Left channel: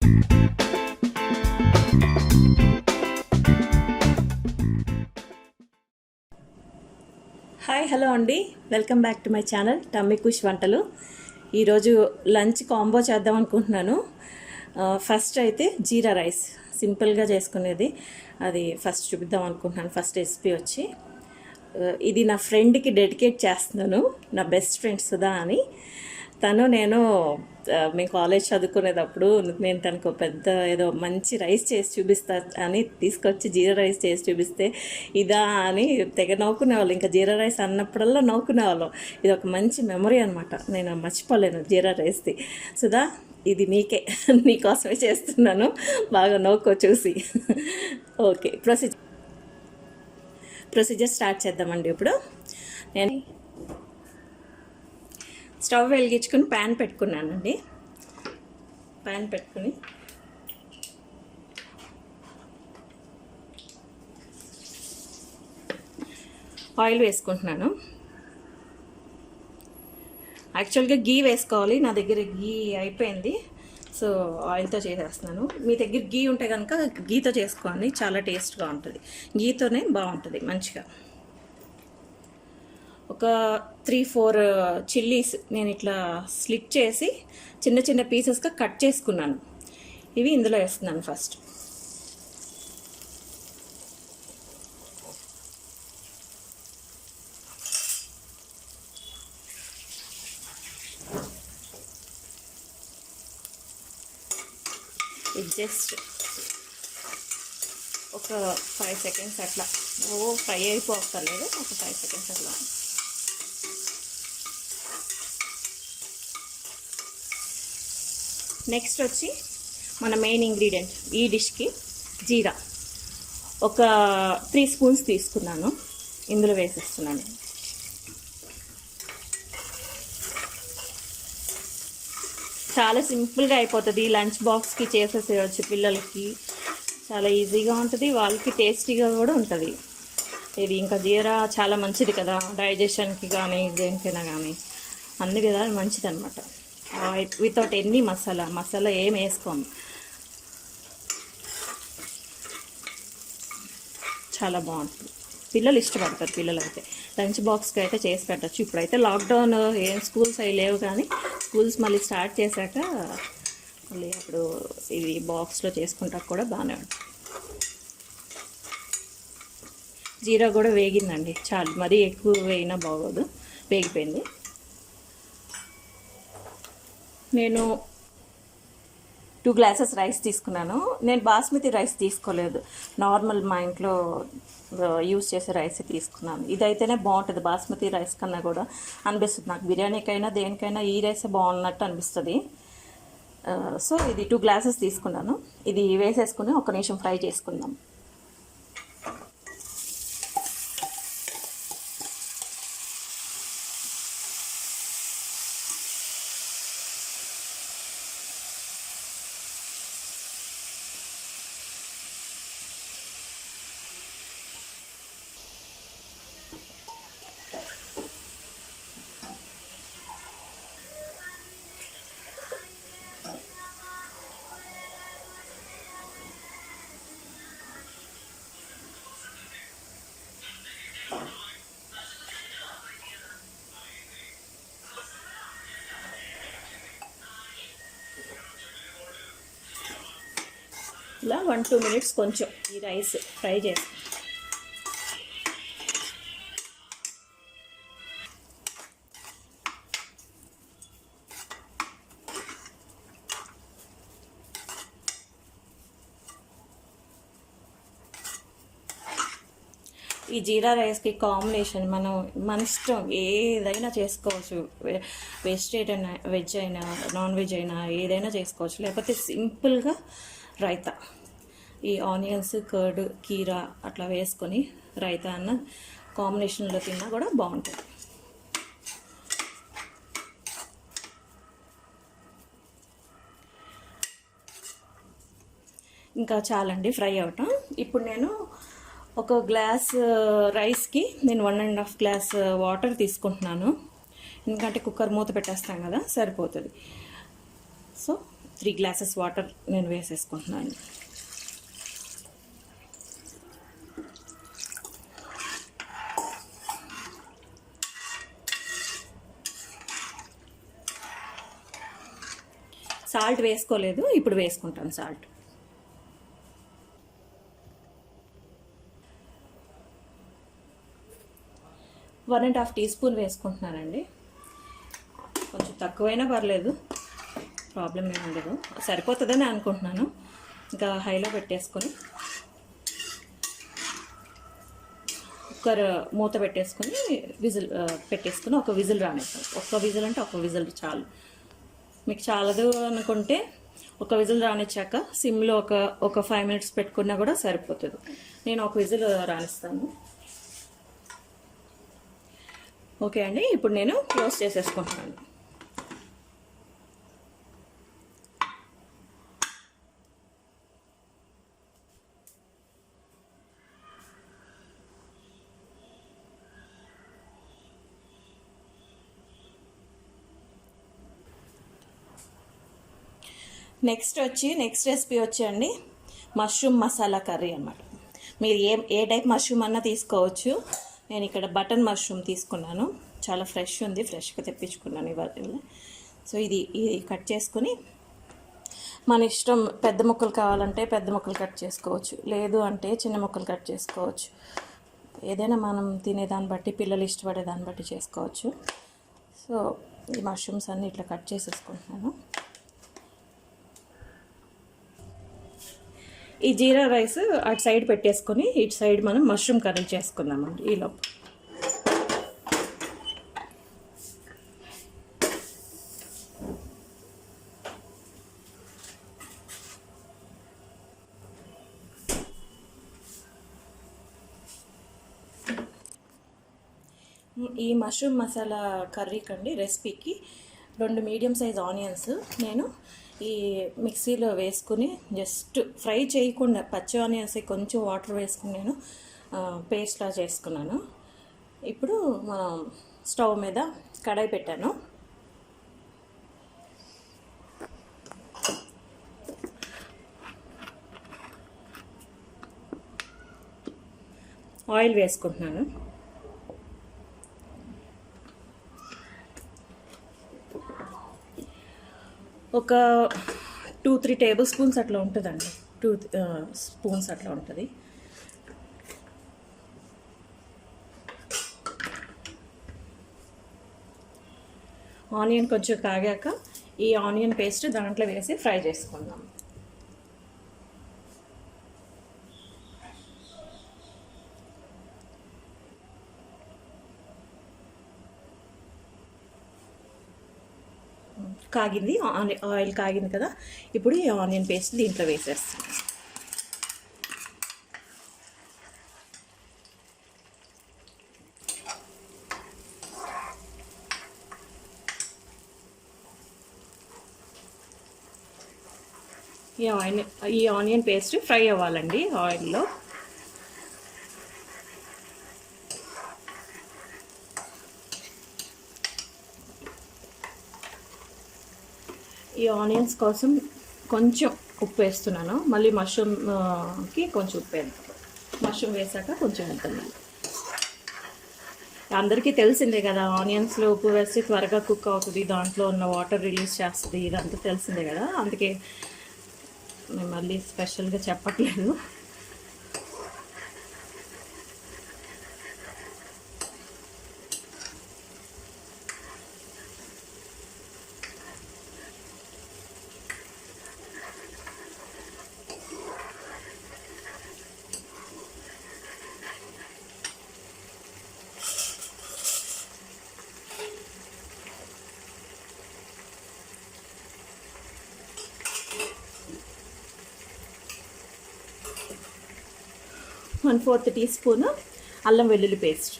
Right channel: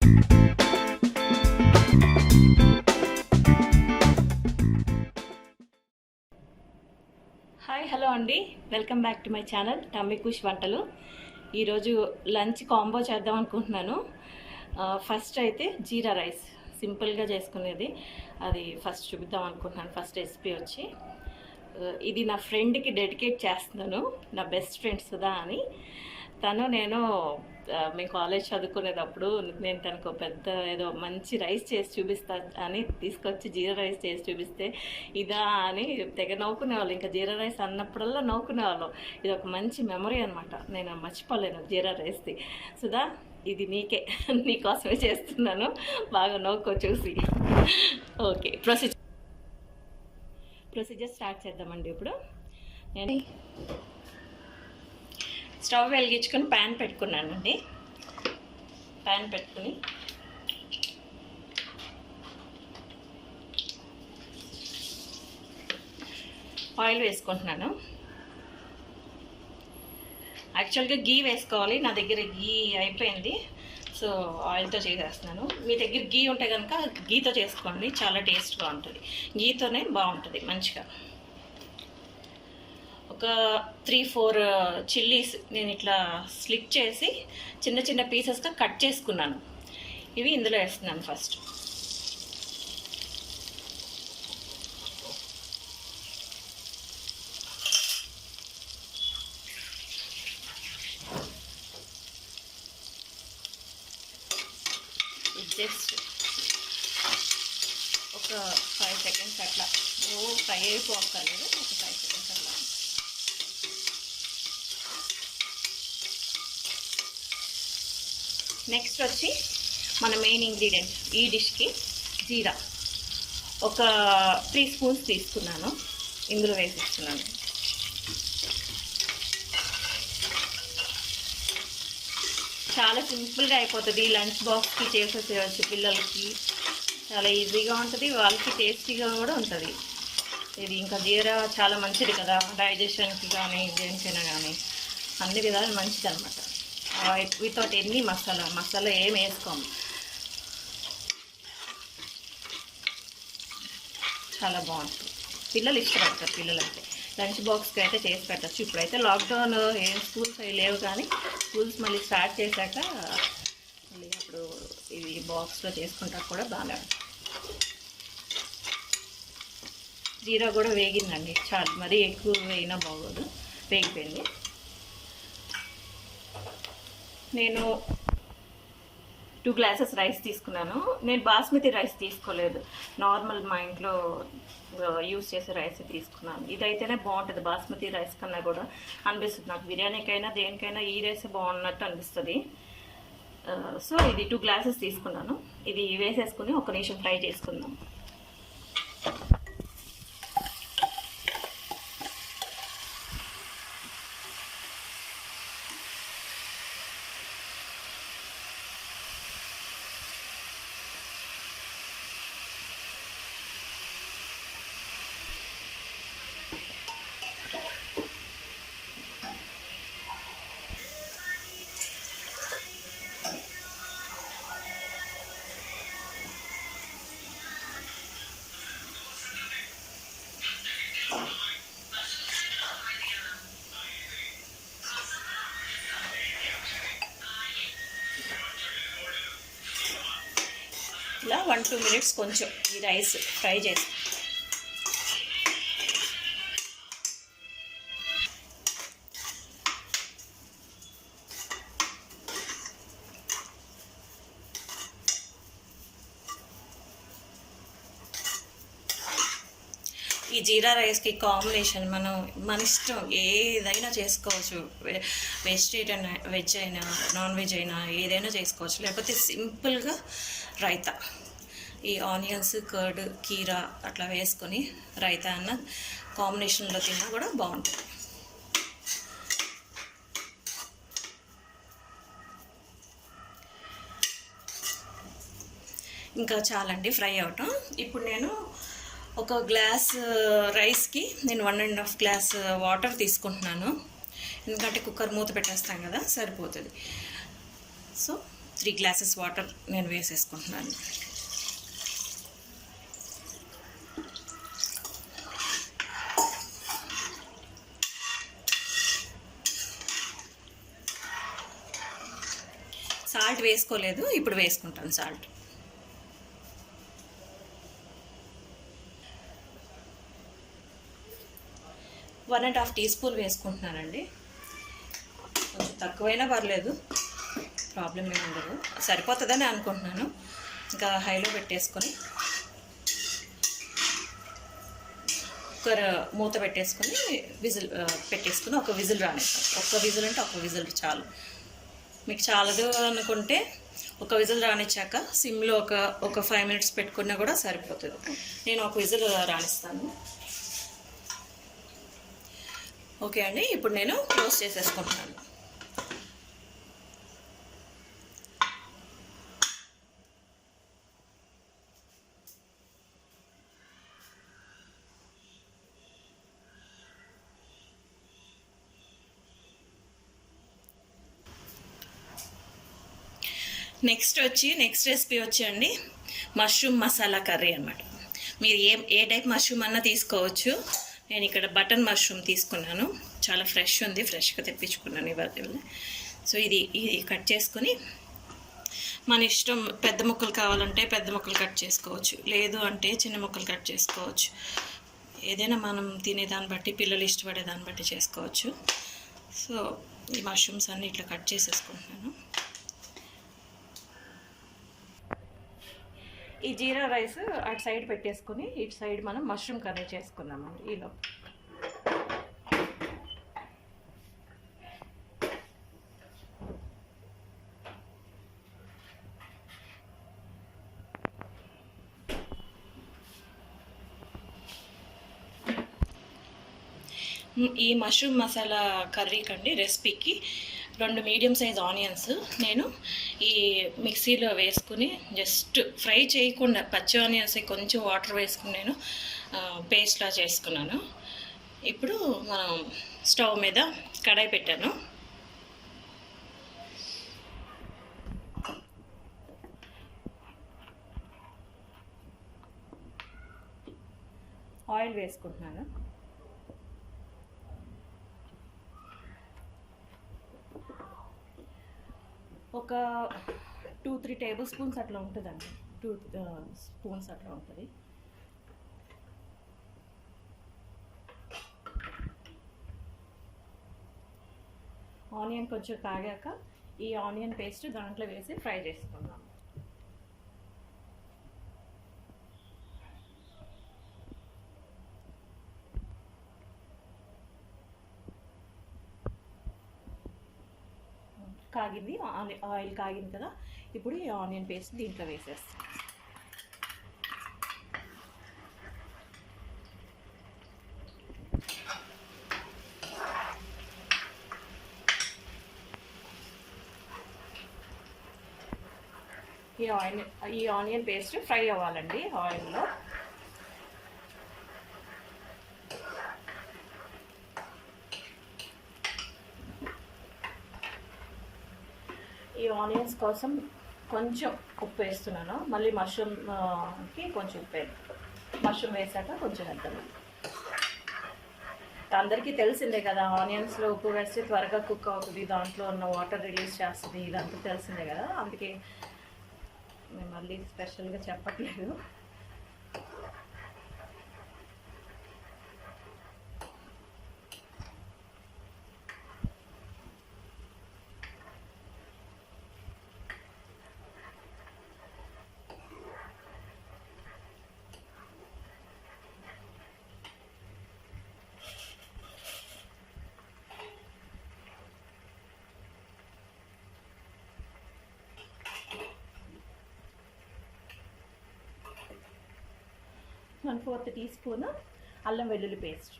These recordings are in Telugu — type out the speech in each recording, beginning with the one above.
హాయ్ హలో అండి, welcome back to my channel Tummy Khush వంటలు. ఈరోజు లంచ్ కాంబో చేద్దాం అనుకుంటున్నాను. ఫస్ట్ అయితే జీరా రైస్ సింపుల్గా చేసుకునేది, అది ఫస్ట్ చూపిద్దాం అనుకుంటున్నాను. ఫస్ట్ రెసిపీ వచ్చి ఇది నా ఫ్రెండ్కి డెడికేట్ చేస్తున్నాను. నా బెస్ట్ ఫ్రెండ్ సుధా అని. నేను మేము కాలేజ్ చదువుకునేటప్పుడు నేను తనకు పెద్ద ఏదో మంచి రైస్ చేసి చూపిస్తా అని తీసుకొచ్చి జీరా రైస్ చేసి చూపిస్తే ఇదా అని తెగ నవ్వుకునేవాళ్ళు. ఇంకా జీరా రైస్ అన్నప్పుడల్లా నవ్వుకునేవాళ్ళం. ఇది ఒక మంచి మెమరీ అనమాట, నేను మర్చిపోలేను జీరా రైస్ది. సుధా, ఇది నీకోసమే చేస్తున్నాను, బాగా నవ్వుకో చూసి. ఓకే, ప్రొసీజర్ స్టార్ట్ చేద్దామండి. ఇప్పుడు నేను స్టవ్ వెలిగించుకొని ప్యాన్ పెట్టుకున్నానండి. ప్యాన్ పెట్టుకుని ఆయిల్ వేసుకుంటున్నాను. యాక్చువల్గా గీ వేసుకోవాలి, నా దగ్గర గీ అయిపోయింది, సో ఆయిల్తో చేసేస్తున్నాను. మీ దగ్గర గీ ఉంటే కనుక గీతో చేసుకోండి, చాలా టేస్ట్గా ఉంటుంది. గీతోనే బాగుంటుంది మంచిగా. ఒక 3-4 చిల్లీస్ నేను ఇట్లా స్లిట్ చేసి చిన్న చిన్న పీసెస్గా కట్ చేసుకున్నాను. ఇవి ఇందులో వేస్తున్నాను ఫస్ట్. ఇది జస్ట్ ఒక 5 సెకండ్స్ అట్లా, ఫ్రై అయిపోక్కర్లేదు, ఒక 5 సెకండ్స్ అట్లా. నెక్స్ట్ వచ్చి మన మెయిన్ ఇంగ్రీడియంట్ ఈ డిష్కి జీరా, ఒక 3 స్పూన్స్ తీసుకున్నాను, ఇందులో వేసిస్తున్నాను. చాలా సింపుల్గా అయిపోతుంది, లంచ్ బాక్స్కి చేసేసేయచ్చు పిల్లలకి, చాలా ఈజీగా ఉంటుంది, వాళ్ళకి టేస్టీగా కూడా ఉంటుంది. ఇది ఇంకా జీరా చాలా మంచిది కదా, డైజెషన్కి కానీ దేనికైనా కానీ అన్ని విధాలు మంచిది అనమాట. వితౌట్ ఎన్ని మసాలా ఏం వేసుకోండి, చాలా బాగుంటుంది. పిల్లలు ఇష్టపడతారు, పిల్లలు అయితే లంచ్ బాక్స్కి అయితే చేసి పెట్టచ్చు. ఇప్పుడైతే లాక్డౌన్, ఏం స్కూల్స్ అవి లేవు, కానీ స్కూల్స్ మళ్ళీ స్టార్ట్ చేశాక మళ్ళీ అప్పుడు ఇది బాక్స్లో చేసుకుంటా కూడా బాగానే ఉంటుంది. జీరా కూడా వేగిందండి, చాలా మరీ ఎక్కువ వేయినా బాగోదు, వేగిపోయింది. నేను 2 గ్లాసెస్ రైస్ తీసుకున్నాను. నేను బాస్మతి రైస్ తీసుకోలేదు, నార్మల్ మా ఇంట్లో యూజ్ చేసే రైస్ తీసుకున్నాను. ఇదైతేనే బాగుంటుంది, బాస్మతి రైస్ కన్నా కూడా అనిపిస్తుంది నాకు. బిర్యానీకైనా దేనికైనా ఈ రైసే బాగున్నట్టు అనిపిస్తుంది. సో ఇది 2 గ్లాసెస్ తీసుకున్నాను. ఇది వేసేసుకుని 1 నిమిషం ఫ్రై చేసుకుందాం. ఇలా 1-2 మినిట్స్ కొంచెం ఈ రైస్ ఫ్రై చేసి ఈ జీరా రైస్కి కాంబినేషన్ మన ఇష్టం, ఏదైనా చేసుకోవచ్చు. వెజిటేరియన్, వెజ్ అయినా నాన్ వెజ్ అయినా ఏదైనా చేసుకోవచ్చు. లేకపోతే సింపుల్గా రైతా, ఈ ఆనియన్స్, కర్డ్, కీరా అట్లా వేసుకొని రైతా అన్న కాంబినేషన్లో తిన్నా కూడా బాగుంటుంది. ఇంకా చాలండి ఫ్రై అవటం. ఇప్పుడు నేను ఒక గ్లాస్ రైస్కి నేను 1.5 గ్లాస్ వాటర్ తీసుకుంటున్నాను. ఎందుకంటే కుక్కర్ మూత పెట్టేస్తాం కదా, సరిపోతుంది. సో 3 గ్లాసెస్ వాటర్ నేను వేసేసుకుంటున్నాను. సాల్ట్ వేసుకోలేదు, ఇప్పుడు వేసుకుంటాను salt. One and half teaspoon వేసుకుంటున్నానండి. కొంచెం తక్కువైనా పర్లేదు, ప్రాబ్లం ఏమి ఉండదు. సరిపోతుందని అనుకుంటున్నాను. ఇంకా హైలో పెట్టేసుకొని కుక్కర్ మూత పెట్టేసుకొని విజిల్ పెట్టేసుకొని ఒక విజిల్ రానిస్తాను. ఒక్క విజిల్ అంటే ఒక విజిల్ చాలు. మీకు చాలదు అనుకుంటే ఒక విజిల్ రానిచ్చాక సిమ్లో ఒక 5 మినిట్స్ పెట్టుకున్నా కూడా సరిపోతుంది. నేను ఒక విజిల్ రానిస్తాను. ఓకే అండి, ఇప్పుడు నేను క్లోజ్ చేసేసుకుంటున్నాను. నెక్స్ట్ రెసిపీ వచ్చి మష్రూమ్ మసాలా కర్రీ అనమాట. మీరు ఏ టైప్ మష్రూమ్ అన్నా తీసుకోవచ్చు. నేను ఇక్కడ బటన్ మష్రూమ్ తీసుకున్నాను. చాలా ఫ్రెష్ ఉంది, ఫ్రెష్గా తెప్పించుకున్నాను ఇవాళ. సో ఇది కట్ చేసుకొని మన ఇష్టం, పెద్ద ముక్కలు కావాలంటే పెద్ద ముక్కలు కట్ చేసుకోవచ్చు, లేదు అంటే చిన్న ముక్కలు కట్ చేసుకోవచ్చు. ఏదైనా మనం తినేదాన్ని బట్టి, పిల్లలు ఇష్టపడే దాన్ని బట్టి చేసుకోవచ్చు. సో ఈ మష్రూమ్స్ అన్నీ ఇట్లా కట్ చేసేసుకుంటున్నాను. ఈ జీరా రైస్ అటు సైడ్ పెట్టేసుకొని ఇటు సైడ్ మనం మష్రూమ్ కర్రీ చేసుకుందామండి. ఈలో ఈ మష్రూమ్ మసాలా కర్రీకండి రెసిపీకి 2 మీడియం సైజ్ ఆనియన్స్ నేను ఈ మిక్సీలో వేసుకుని జస్ట్ ఫ్రై చేయకుండా పచ్చి ఆనియన్స్ కొంచెం వాటర్ వేసుకుని నేను పేస్ట్లా చేసుకున్నాను. ఇప్పుడు మనం స్టవ్ మీద కడాయి పెట్టాను. ఆయిల్ వేసుకుంటున్నాను. ఒక 2-3 టేబుల్ స్పూన్స్ అట్లా ఉంటుందండి. 2 స్పూన్స్ అట్లా ఉంటుంది. ఆనియన్ కొంచెం కాగాక ఈ ఆనియన్ పేస్ట్ దాంట్లో వేసి ఫ్రై చేసుకుందాం. కాగింది, ఆయిల్ కాగింది కదా. ఇప్పుడు ఈ ఆనియన్ పేస్ట్ దీంట్లో వేసేస్తాను. ఈ ఆనియన్ పేస్ట్ ఫ్రై అవ్వాలండి ఆయిల్లో. ఈ ఆనియన్స్ కోసం కొంచెం ఉప్పు వేస్తున్నాను. మళ్ళీ మష్రూమ్కి కొంచెం ఉప్పు వేస్తాను. మష్రూమ్ వేసాక కొంచెం వేద్దాం. అందరికీ తెలిసిందే కదా, ఆనియన్స్లో ఉప్పు వేస్తే త్వరగా కుక్ అవుతుంది, దాంట్లో ఉన్న వాటర్ రిలీజ్ చేస్తుంది, ఇదంతా తెలిసిందే కదా. అందుకే నేను మళ్ళీ స్పెషల్గా చెప్పట్లేదు. ¼ టీ స్పూన్ అల్లం వెల్లుల్లి పేస్ట్,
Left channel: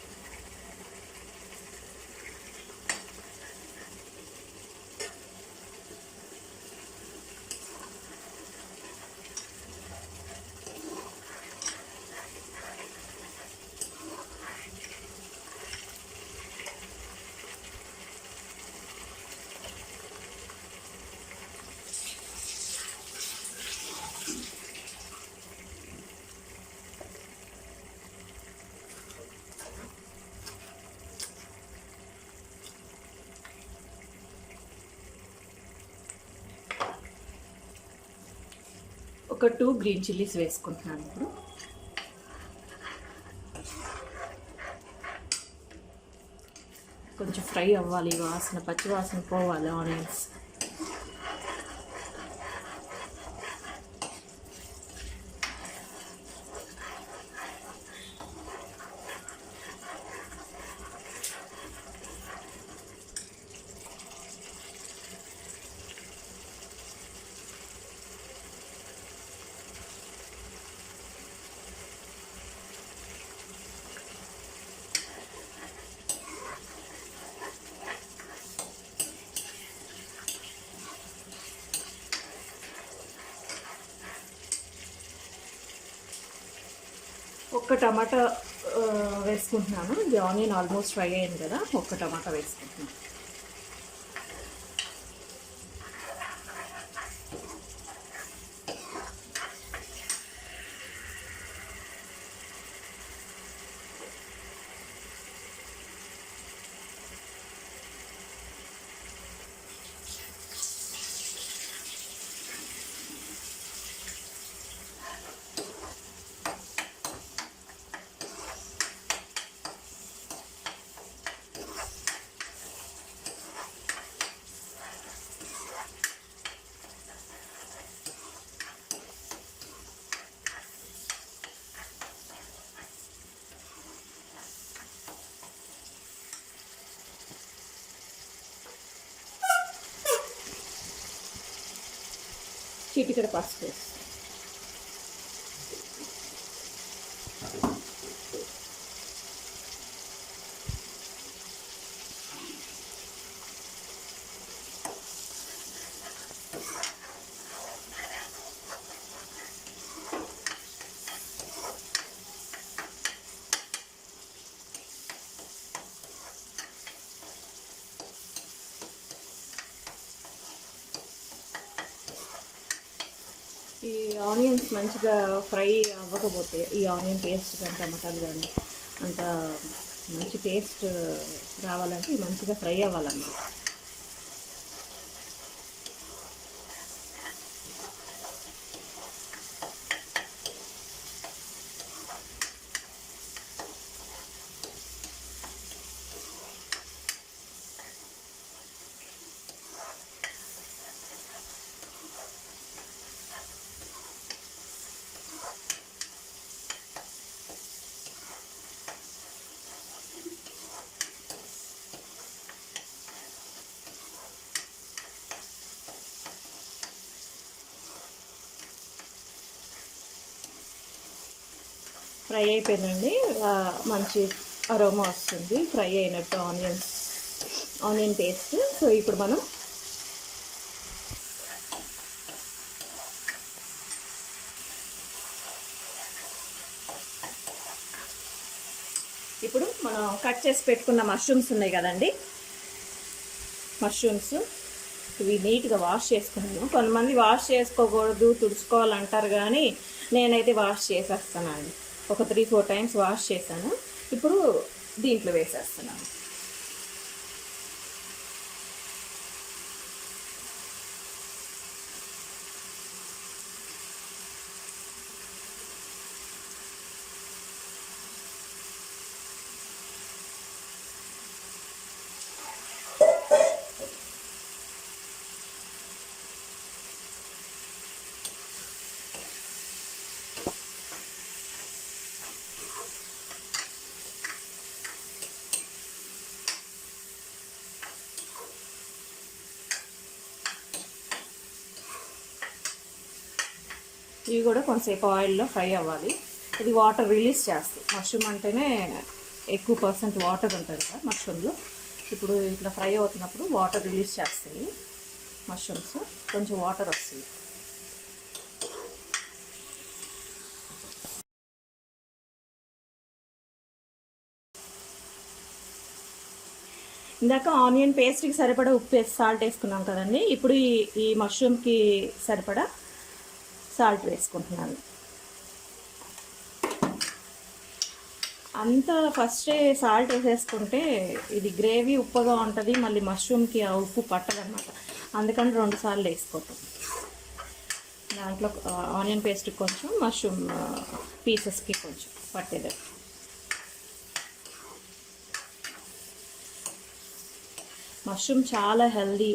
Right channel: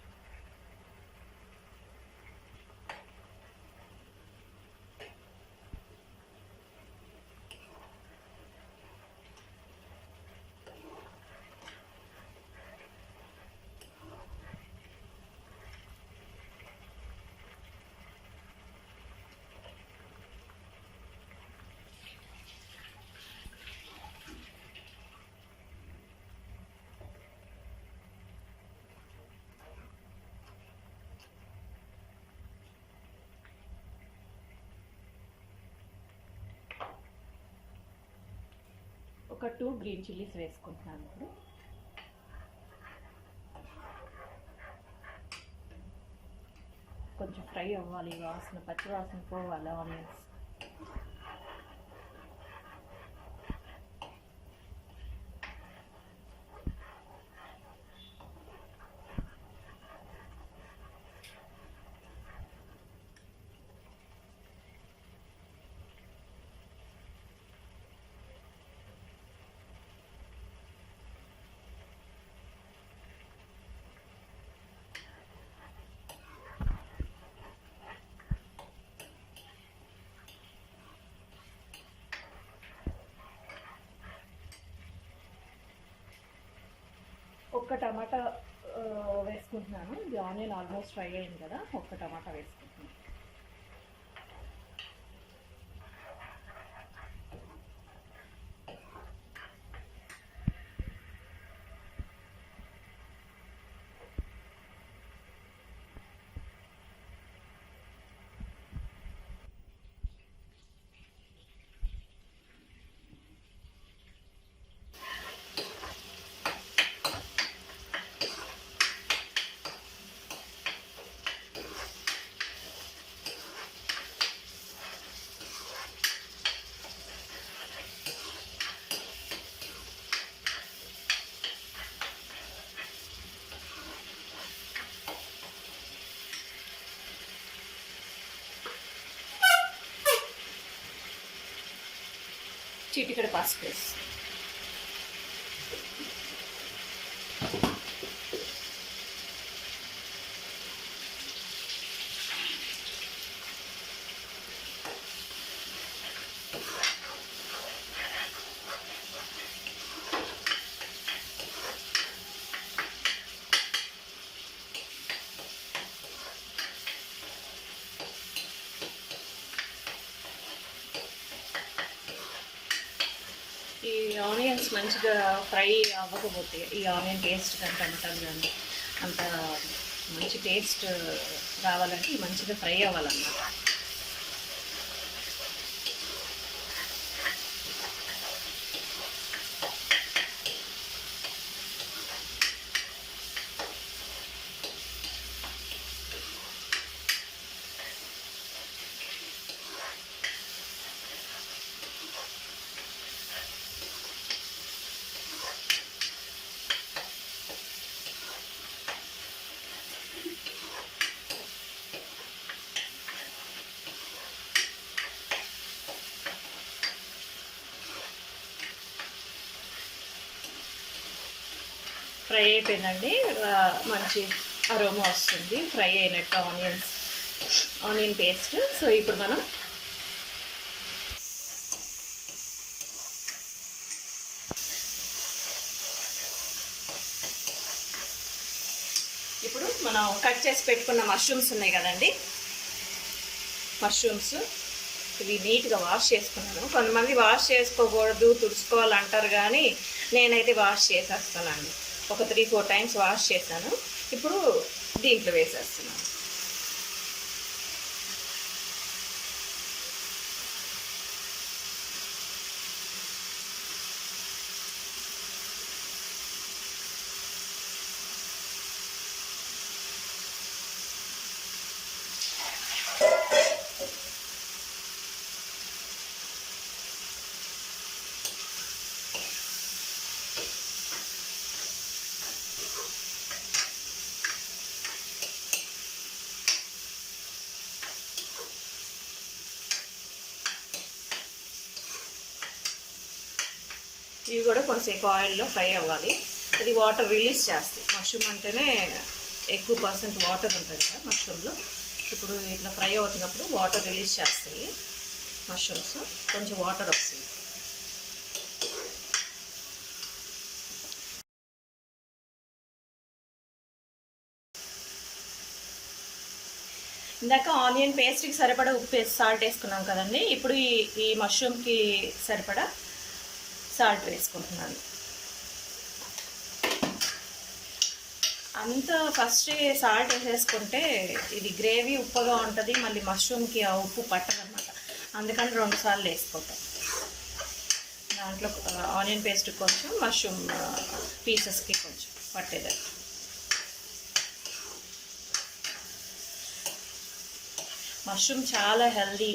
ఒక 2 గ్రీన్ చిల్లీస్ వేసుకుంటున్నాను. ఇప్పుడు కొంచెం ఫ్రై అవ్వాలి, వాసన పచ్చి వాసన పోవాలి ఆనియన్స్. ఒక్క టమాటా వేసుకుంటున్నాను. ఇది ఆనియన్ ఆల్మోస్ట్ ఫ్రై అయింది కదా, ఒక్క టమాటా వేసుకుంటున్నాను. చిటికెడు పసుపు వేసి ఈ ఆనియన్స్ మంచిగా ఫ్రై అవ్వకపోతే ఈ ఆనియన్ టేస్ట్ కానీ టమాటాలు కానీ అంత మంచి టేస్ట్ రావాలంటే మంచిగా ఫ్రై అవ్వాలన్నమాట. ఫ్రై అయిపోయిందండి, మంచి అరోమా వస్తుంది ఫ్రై అయినట్టు ఆనియన్ పేస్ట్. సో ఇప్పుడు మనం కట్ చేసి పెట్టుకున్న మష్రూమ్స్ ఉన్నాయి కదండి, మష్రూమ్స్ ఇవి నీట్గా వాష్ చేసుకున్నాను. కొంతమంది వాష్ చేసుకోకూడదు తుడుచుకోవాలంటారు, కానీ నేనైతే వాష్ చేసేస్తానండి. ఒక 3-4 టైమ్స్ వాష్ చేశాను. ఇప్పుడు దీంట్లో వేసేస్తున్నాను. ఇవి కూడా కొంచెంసేపు ఆయిల్లో ఫ్రై అవ్వాలి. ఇది వాటర్ రిలీజ్ చేస్తాయి. మష్రూమ్ అంటేనే ఎక్కువ పర్సెంట్ వాటర్ ఉంటుంది కదా మష్రూమ్లో. ఇప్పుడు ఇట్లా ఫ్రై అవుతున్నప్పుడు వాటర్ రిలీజ్ చేస్తాయి మష్రూమ్స్, కొంచెం వాటర్ వస్తుంది. ఇందాక ఆనియన్ పేస్ట్కి సరిపడా ఉప్పు సాల్ట్ వేసుకున్నాం కదండి. ఇప్పుడు ఈ మష్రూమ్కి సరిపడా సాల్ట్ వేసుకుంటున్నాను. అంతా ఫస్టే సాల్ట్ వేసేసుకుంటే ఇది గ్రేవీ ఉప్పుగా ఉంటుంది, మళ్ళీ మష్రూమ్కి ఆ ఉప్పు పట్టదన్నమాట. అందుకని 2 సార్లు వేసుకోతాం. దాంట్లో ఆనియన్ పేస్ట్ కొంచెం, మష్రూమ్ పీసెస్కి కొంచెం పట్టేది. మష్రూమ్ చాలా హెల్దీ,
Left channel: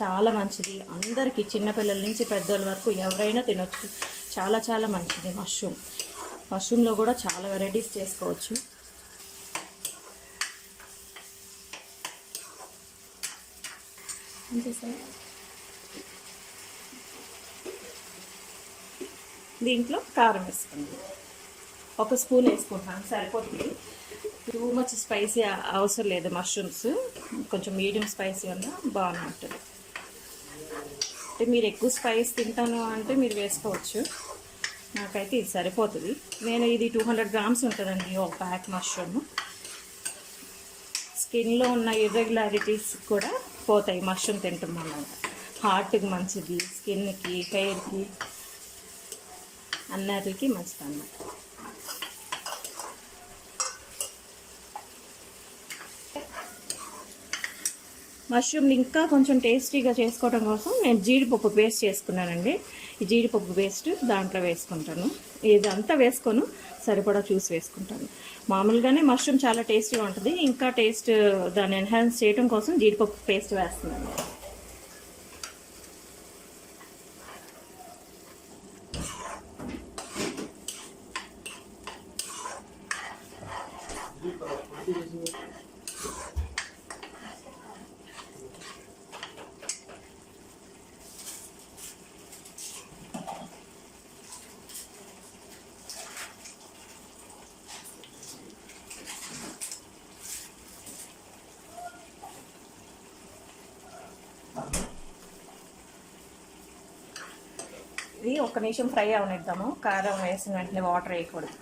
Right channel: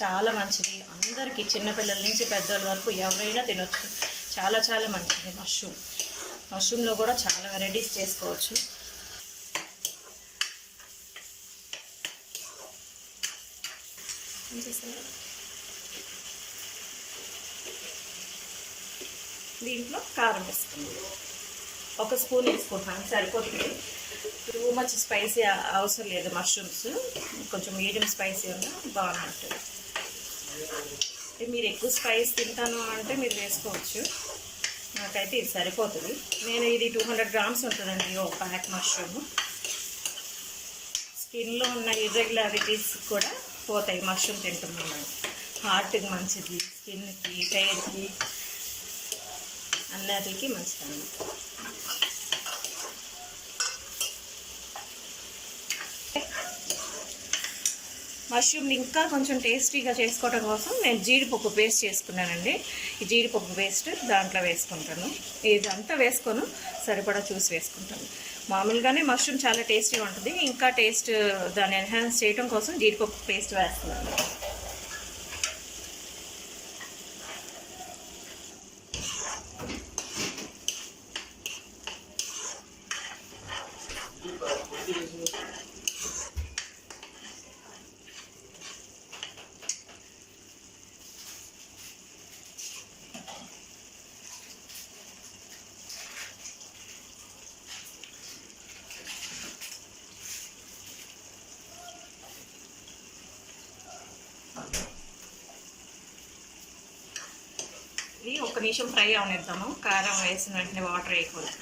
చాలా మంచిది అందరికీ, చిన్నపిల్లల నుంచి పెద్దోళ్ళ వరకు ఎవరైనా తినొచ్చు. చాలా చాలా మంచిది మష్రూమ్లో కూడా చాలా వెరైటీస్ చేసుకోవచ్చు. దీంట్లో కారం వేసుకుంది, 1 స్పూన్ వేసుకుంటాను సరిపోతుంది. టూ మచ్ స్పైసీ అవసరం లేదు. మష్రూమ్స్ కొంచెం మీడియం స్పైసీ అన్నా బాగుంటుంది. మీరు ఎక్కువ స్పైస్ తింటాను అంటే మీరు వేసుకోవచ్చు, నాకైతే ఇది సరిపోతుంది. నేను ఇది 200 గ్రామ్స్ ఉంటుందండి ఒక ప్యాక్ మష్రూమ్. స్కిన్లో ఉన్న ఇర్రెగ్యులారిటీస్ కూడా పోతాయి మష్రూమ్ తింటున్నాను. హార్ట్కి మంచిది, స్కిన్కి, హెయిర్కి, అన్నిటికి మంచిది అన్నమాట. మష్రూమ్ ఇంకా కొంచెం టేస్టీగా చేసుకోవడం కోసం నేను జీడిపప్పు పేస్ట్ చేసుకున్నానండి. ఈ జీడిపప్పు పేస్ట్ దాంట్లో వేసుకుంటాను. ఇదంతా వేసుకొని సరిపడా చూసి వేసుకుంటాను. మామూలుగానే మష్రూమ్ చాలా టేస్టీగా ఉంటుంది, ఇంకా టేస్ట్ దాన్ని ఎన్హాన్స్ చేయడం కోసం జీడిపప్పు పేస్ట్ వేస్తున్నాను. ఇది 1 నిమిషం ఫ్రై అవనిద్దాము. కారం వేసిన వెంటనే వాటర్ వేయకూడదు.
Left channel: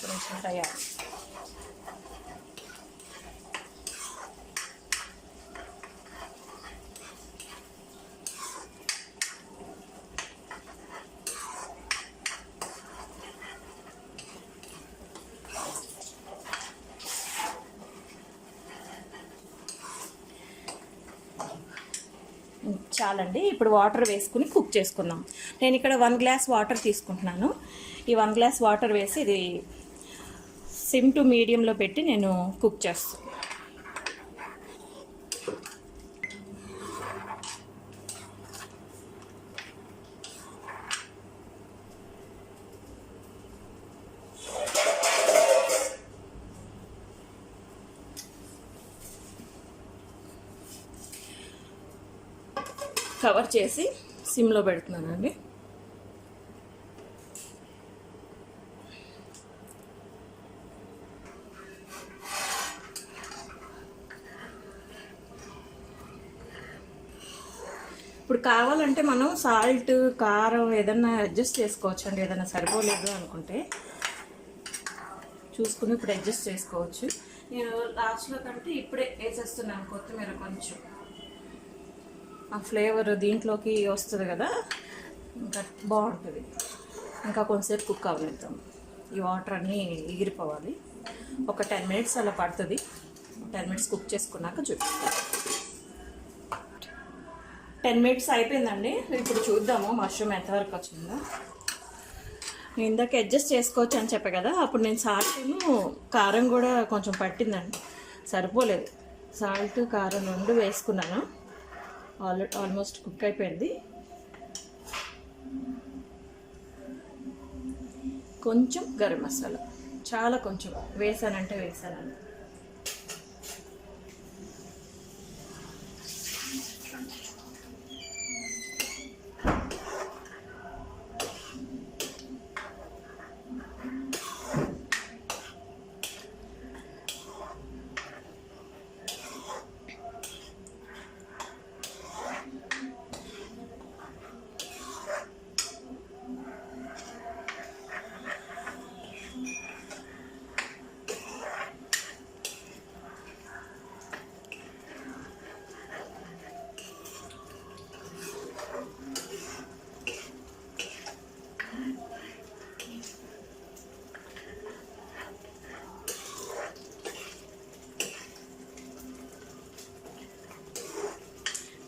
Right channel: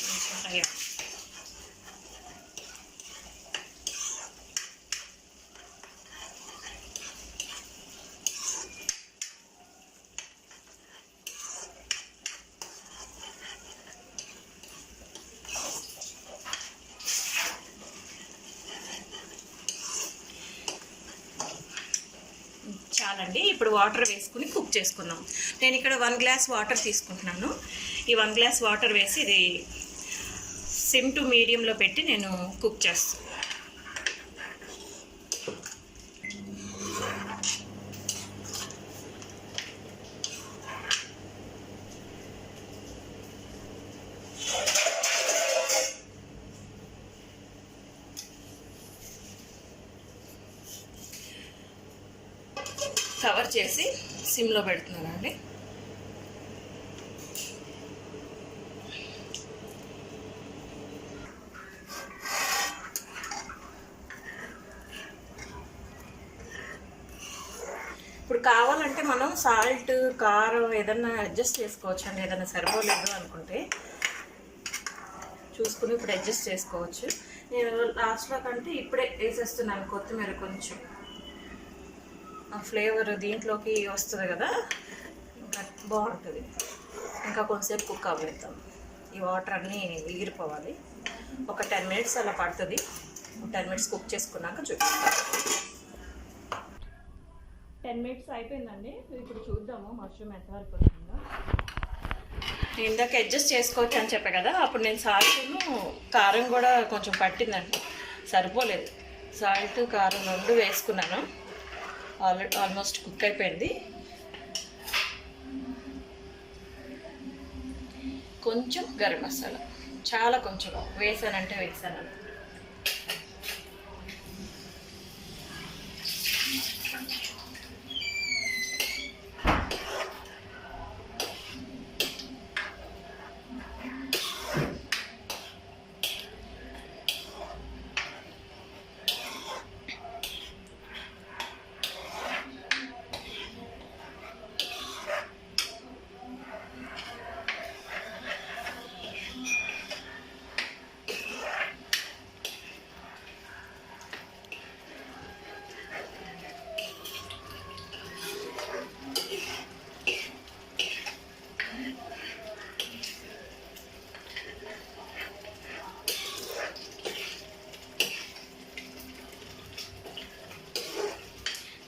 1 నిమిషం ఫ్రై అవ్వాలి. చాలండి. ఇప్పుడు వాటర్ వేసుకుని కుక్ చేసుకుందాం. నేను ఇక్కడ 1 గ్లాస్ వాటర్ తీసుకుంటున్నాను. ఈ 1 గ్లాస్ వాటర్ వేసి ఇది సిమ్ టు మీడియంలో పెట్టి నేను కుక్ చేస్తాను. కవర్ చేసి సిమ్లో పెడుతున్నానండి. ఇప్పుడు కావాలంటే మనం సాల్ట్, కారం ఏదన్నా అడ్జస్ట్ చేసుకోవచ్చు అండి. ఏదైనా సరిపోలేదు అనుకుంటే చూసుకుని ఇప్పుడు అడ్జస్ట్ చేసుకోవచ్చు. నేను లాస్ట్లో కంటే ఇప్పుడే వేసేస్తున్నాను కొత్తిమీర. కొంచెం ఆ ఫ్లేవర్ దీంట్లోకి వస్తుంది కదా, ఇంకా బాగుంటుంది. ఇంకా కొంచెంసేపు కుక్ అవ్వనిద్దాం. ఈ వాటర్ అన్నీ ఎగిరిపోవాలి. ఒక 10 మినిట్స్ అలా పడుతుంది. 10 మినిట్స్ కుక్ చేసుకున్నాక చూపిస్తాను. 10 మినిట్స్ అయిపోయిందండి. ఇప్పుడు చూద్దాము మష్రూమ్ ఎంతవరకు వచ్చిందో. నేను ఇందాక అడ్జస్ట్ చేసుకోవచ్చు అని చెప్పా కదా, అప్పుడు నేను సాల్ట్ను కారం కూడా కొంచెం పట్టిందండి, సరిపోలేదు. సాల్ట్, కారం 2 వేసుకున్నాను. ఆల్మోస్ట్ కుక్ అయిపోయింది. కొంచెం గరం మసాలా, చాలా కొంచెం వేసానంటే వేసాను.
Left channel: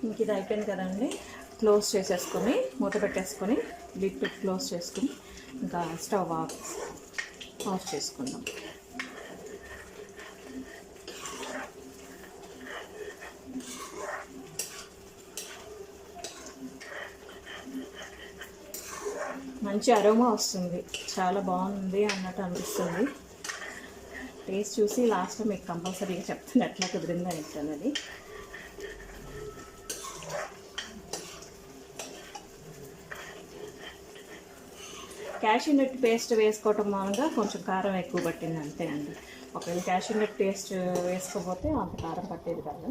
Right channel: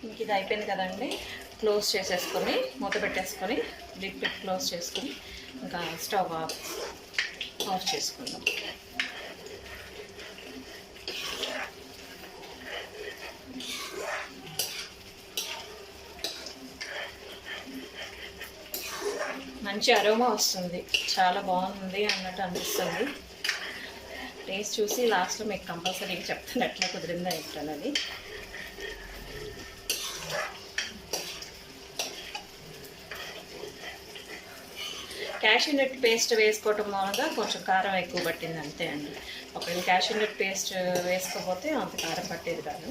ఇంక ఇది అయిపోయింది కదండి. క్లోజ్ చేసేసుకొని మూత పెట్టేసుకొని లిడ్ పెట్టి క్లోజ్ చేసుకొని ఇంకా స్టవ్ ఆఫ్ చేసుకుందాం. మంచి అరోమా వస్తుంది, చాలా బాగుంది అన్నట్టు అనిపిస్తుంది. టేస్ట్ చూసి లాస్ట్లో మీకు కంపల్సరీగా చెప్తాను ఎట్లా కుదిరిందని ఏంటన్నది. క్యాష్యూ నట్ పేస్ట్ వేసుకోవటం మూలంగా కొంచెం కారం ఎక్కువ పట్టింది అంతే అండి. ఒకవేళ క్యాష్యూ నట్ పేస్ట్ వేసుకోకపోతే అంత కారం పట్టేది కాదు.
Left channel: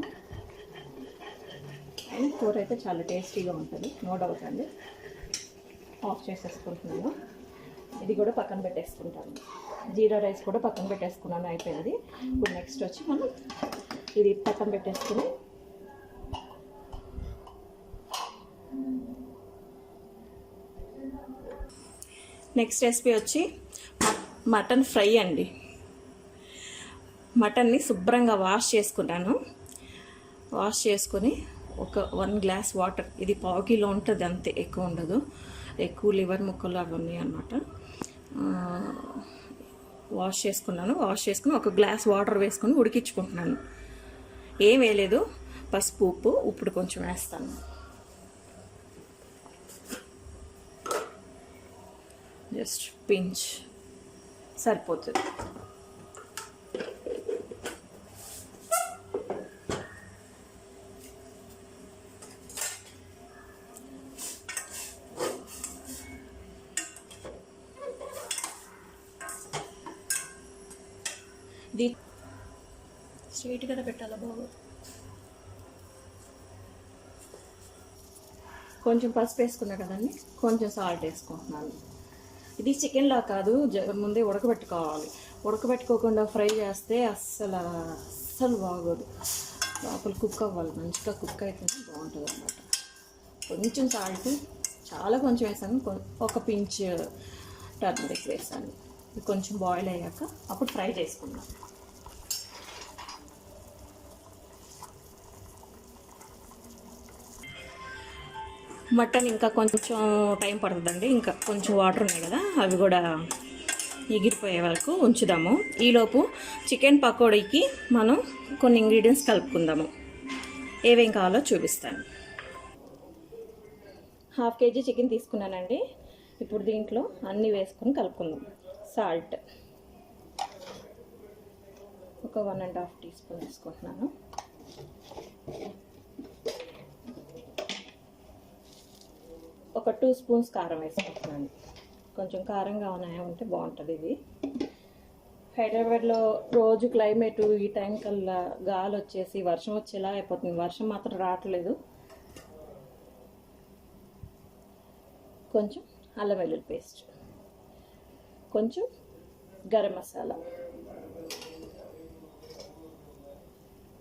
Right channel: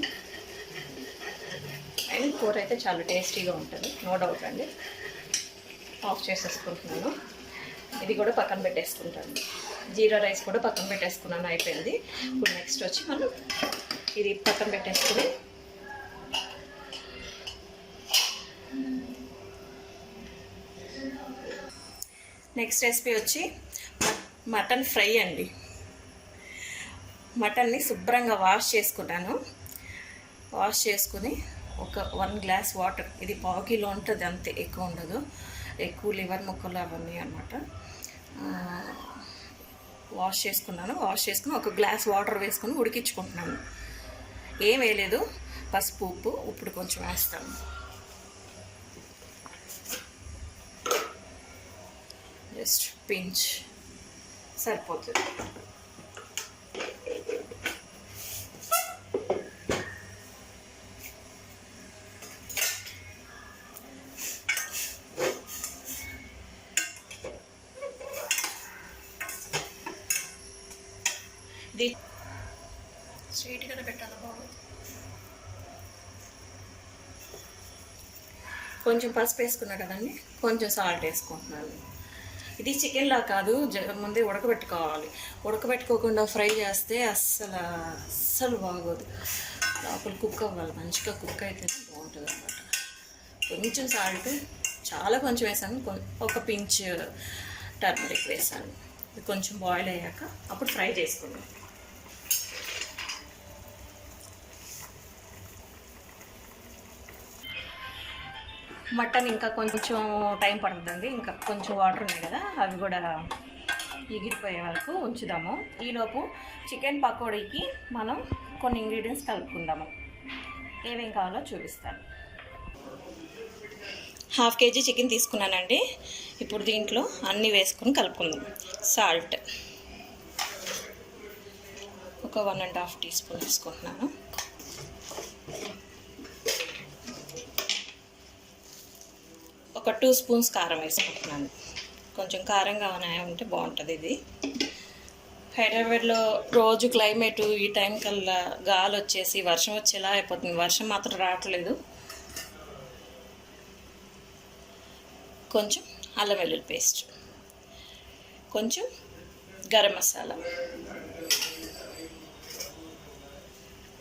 అండ్ కూర అయితే చాలా టేస్టీగా ఉంటుంది, నో డౌట్ అండి. ఆఫ్ చేసేసుకుంటున్నాను. ఇది కూడా పక్కన పెట్టేసుకుంటాను. జీరా రైస్ కూడా పక్కన పెట్టేసుకున్నాను, అయిపోయింది. ఇప్పుడు నెక్స్ట్ వచ్చి మనం ఇది పక్కన పెట్టేసుకుని నెక్స్ట్ రెసిపీ వచ్చి మటన్ ఫ్రై అండి. మటన్ని శుభ్రంగా వాష్ చేసుకున్నాను. వాష్ చేసుకొని ఒక 1 గ్లాస్ వాటర్, ఇది 1/2 కిలో ఉంటుంది అంతే, ఎక్కువ ఉండదు. ఎక్కువ లివర్ ముక్కలు అవన్నీ అన్నమాట. వాష్ చేసుకున్నాను. వాష్ చేసుకుని 1 గ్లాస్ వాటర్ వేసుకొని ఉడికించుకుంటున్నాను. ఏం వేయలేదు, పసుపు ఉప్పు ఇప్పుడు కొంచెం వేస్తాను. జస్ట్ పించ్ సరిపోతుంది. ఇది స్ట్రైట్గా పెట్టాలి బాబు. కొంచెం పసుపు వేసుకున్నా కదండి, కొంచెం సాల్ట్ వేసుకుంటున్నాను. ఇది చికెన్లా కాదు, ముందే ఉడకబెట్టుకోవాలి. ఉడకబెట్టుకోకుండా ఫ్రై చేస్తే అస్సలు బాగోదు. లోపల కుక్ అవ్వాలి, మంచిగా కుక్ అయితేనే బాగుంటుంది అన్నమాట. కొంచెం సాల్ట్, చాలా కొంచెం వేసాను. ఒక పించ్ టర్మరిక్ వేసాను. ఇది కొంచెం బాయిల్ అయ్యాక అప్పుడు ఫ్రై చేసుకున్నాను. మటన్ ఇంకా కొంచెం టైం పడుతుందండి. ఇంకా కొంచెం వాటర్ ఉన్నాయి కదా, అవి కూడా ఎగిరిపోయే వరకు ఉంచుదాము. ఈలోపు చికెన్ పకోడీకి మనం కొన్ని ఇంగ్రీడియంట్స్ కలుపుకుందాము. ఏమేం కావాలో చూపిస్తాను. 1/2 kg చికెన్ తీసుకున్నానండి. ఇప్పుడు దీంట్లో అన్నీ వేసుకొని కలుపుకుందాం. సాల్ట్ ఒక 1.5 టీ స్పూన్ వేసుకుంటున్నాను. ఒక 2 స్పూన్స్ కారం వేసుకుంటున్నాను. కొంచెం కారంగా ఉంటే బాగుంటుంది. ఇది హైదరాబాద్లో రోజు క్లైమేటు ఈ టైం కల్లా గాలి వచ్చేసి వర్షం వచ్చేలా అయిపోతుంది. వర్షం మాత్రం రావట్లేదు. కొంచెం అల్లం వెల్లుల్లి పేస్ట్, కొంచెం గరం మసాలా,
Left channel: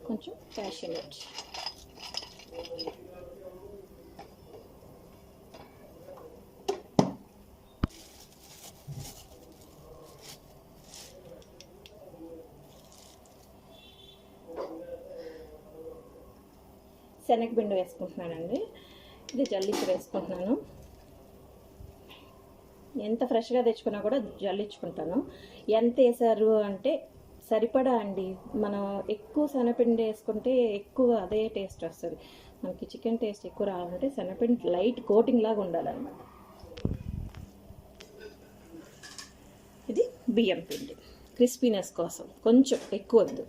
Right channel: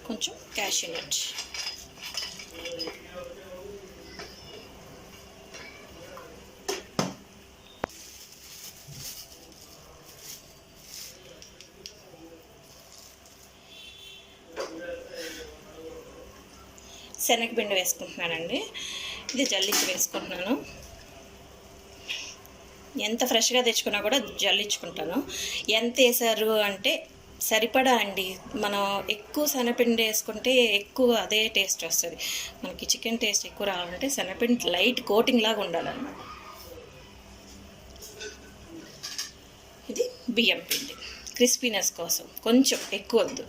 కొంచెం క్యాష్యూ నట్, శనగపిండి వేసుకుంటున్నానండి. ఇది జల్లించి వేసుకుంటున్నాను. ఎంత ఫ్రెష్గా తెచ్చుకున్నా కూడా జల్లించుకుంటాను. ఎంత వేసారు అంటే సరిపడా అండి. మనం ఎక్కువ శనగపిండి వేసుకుంటే ఎక్కువ అదే టేస్ట్ వస్తుంది. మనకి చికెన్ టేస్ట్ ఎక్కువ రావాలంటే శనగపిండి లైట్ కోటింగ్ లాగా ఉండాలన్నమాట. ఇది బియ్యం పిండి, క్రిస్పీనెస్ కోసం కొంచెం ఎక్కువ వద్దు.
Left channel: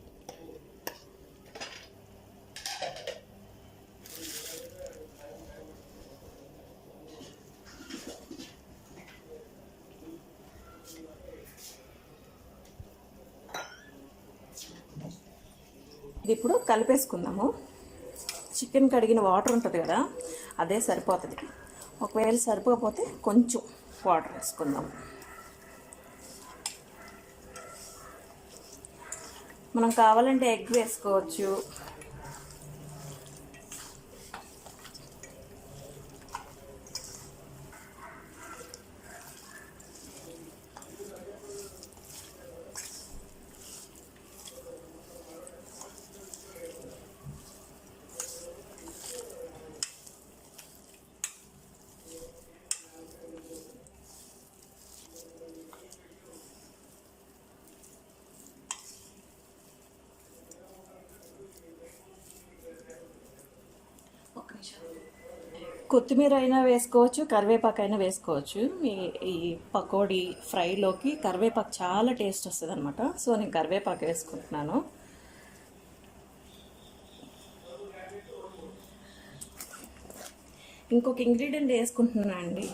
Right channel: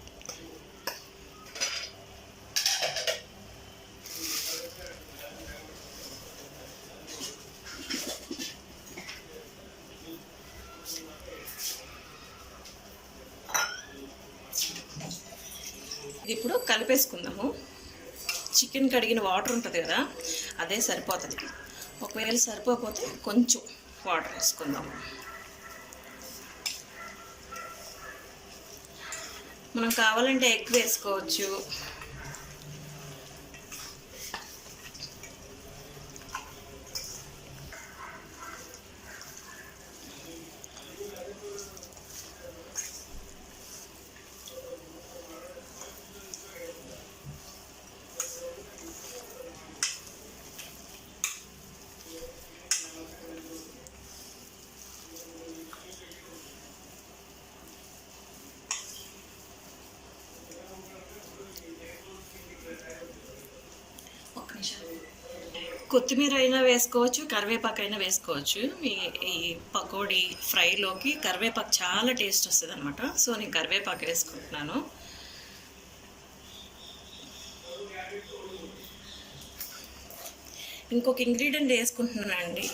ఇప్పుడు కలిపేసుకుందాము. చికెన్ కడిగిన వాటర్ ఉంటుంది కదా, అదే సరిపోతుంది. ఒకవేళ సరిపోకపోతే కొంచెం వాటర్ వేసుకుందాము. మనం కావాలంటే ఎగ్ వేసుకోవచ్చు. కొత్తిమీర అయినా వేసుకోవచ్చు, కరివేపాకు అయినా వేసుకోవచ్చు. ఈ పకోడీ ఫ్రైలోకి కరివేపాకు చాలా టేస్ట్ వస్తుంది అనమాట. సో నేను కరివేపాకు వేసుకుంటున్నాను. ఇంకొక ఇంగ్రీడియంట్ వేసుకుంటున్నానండి.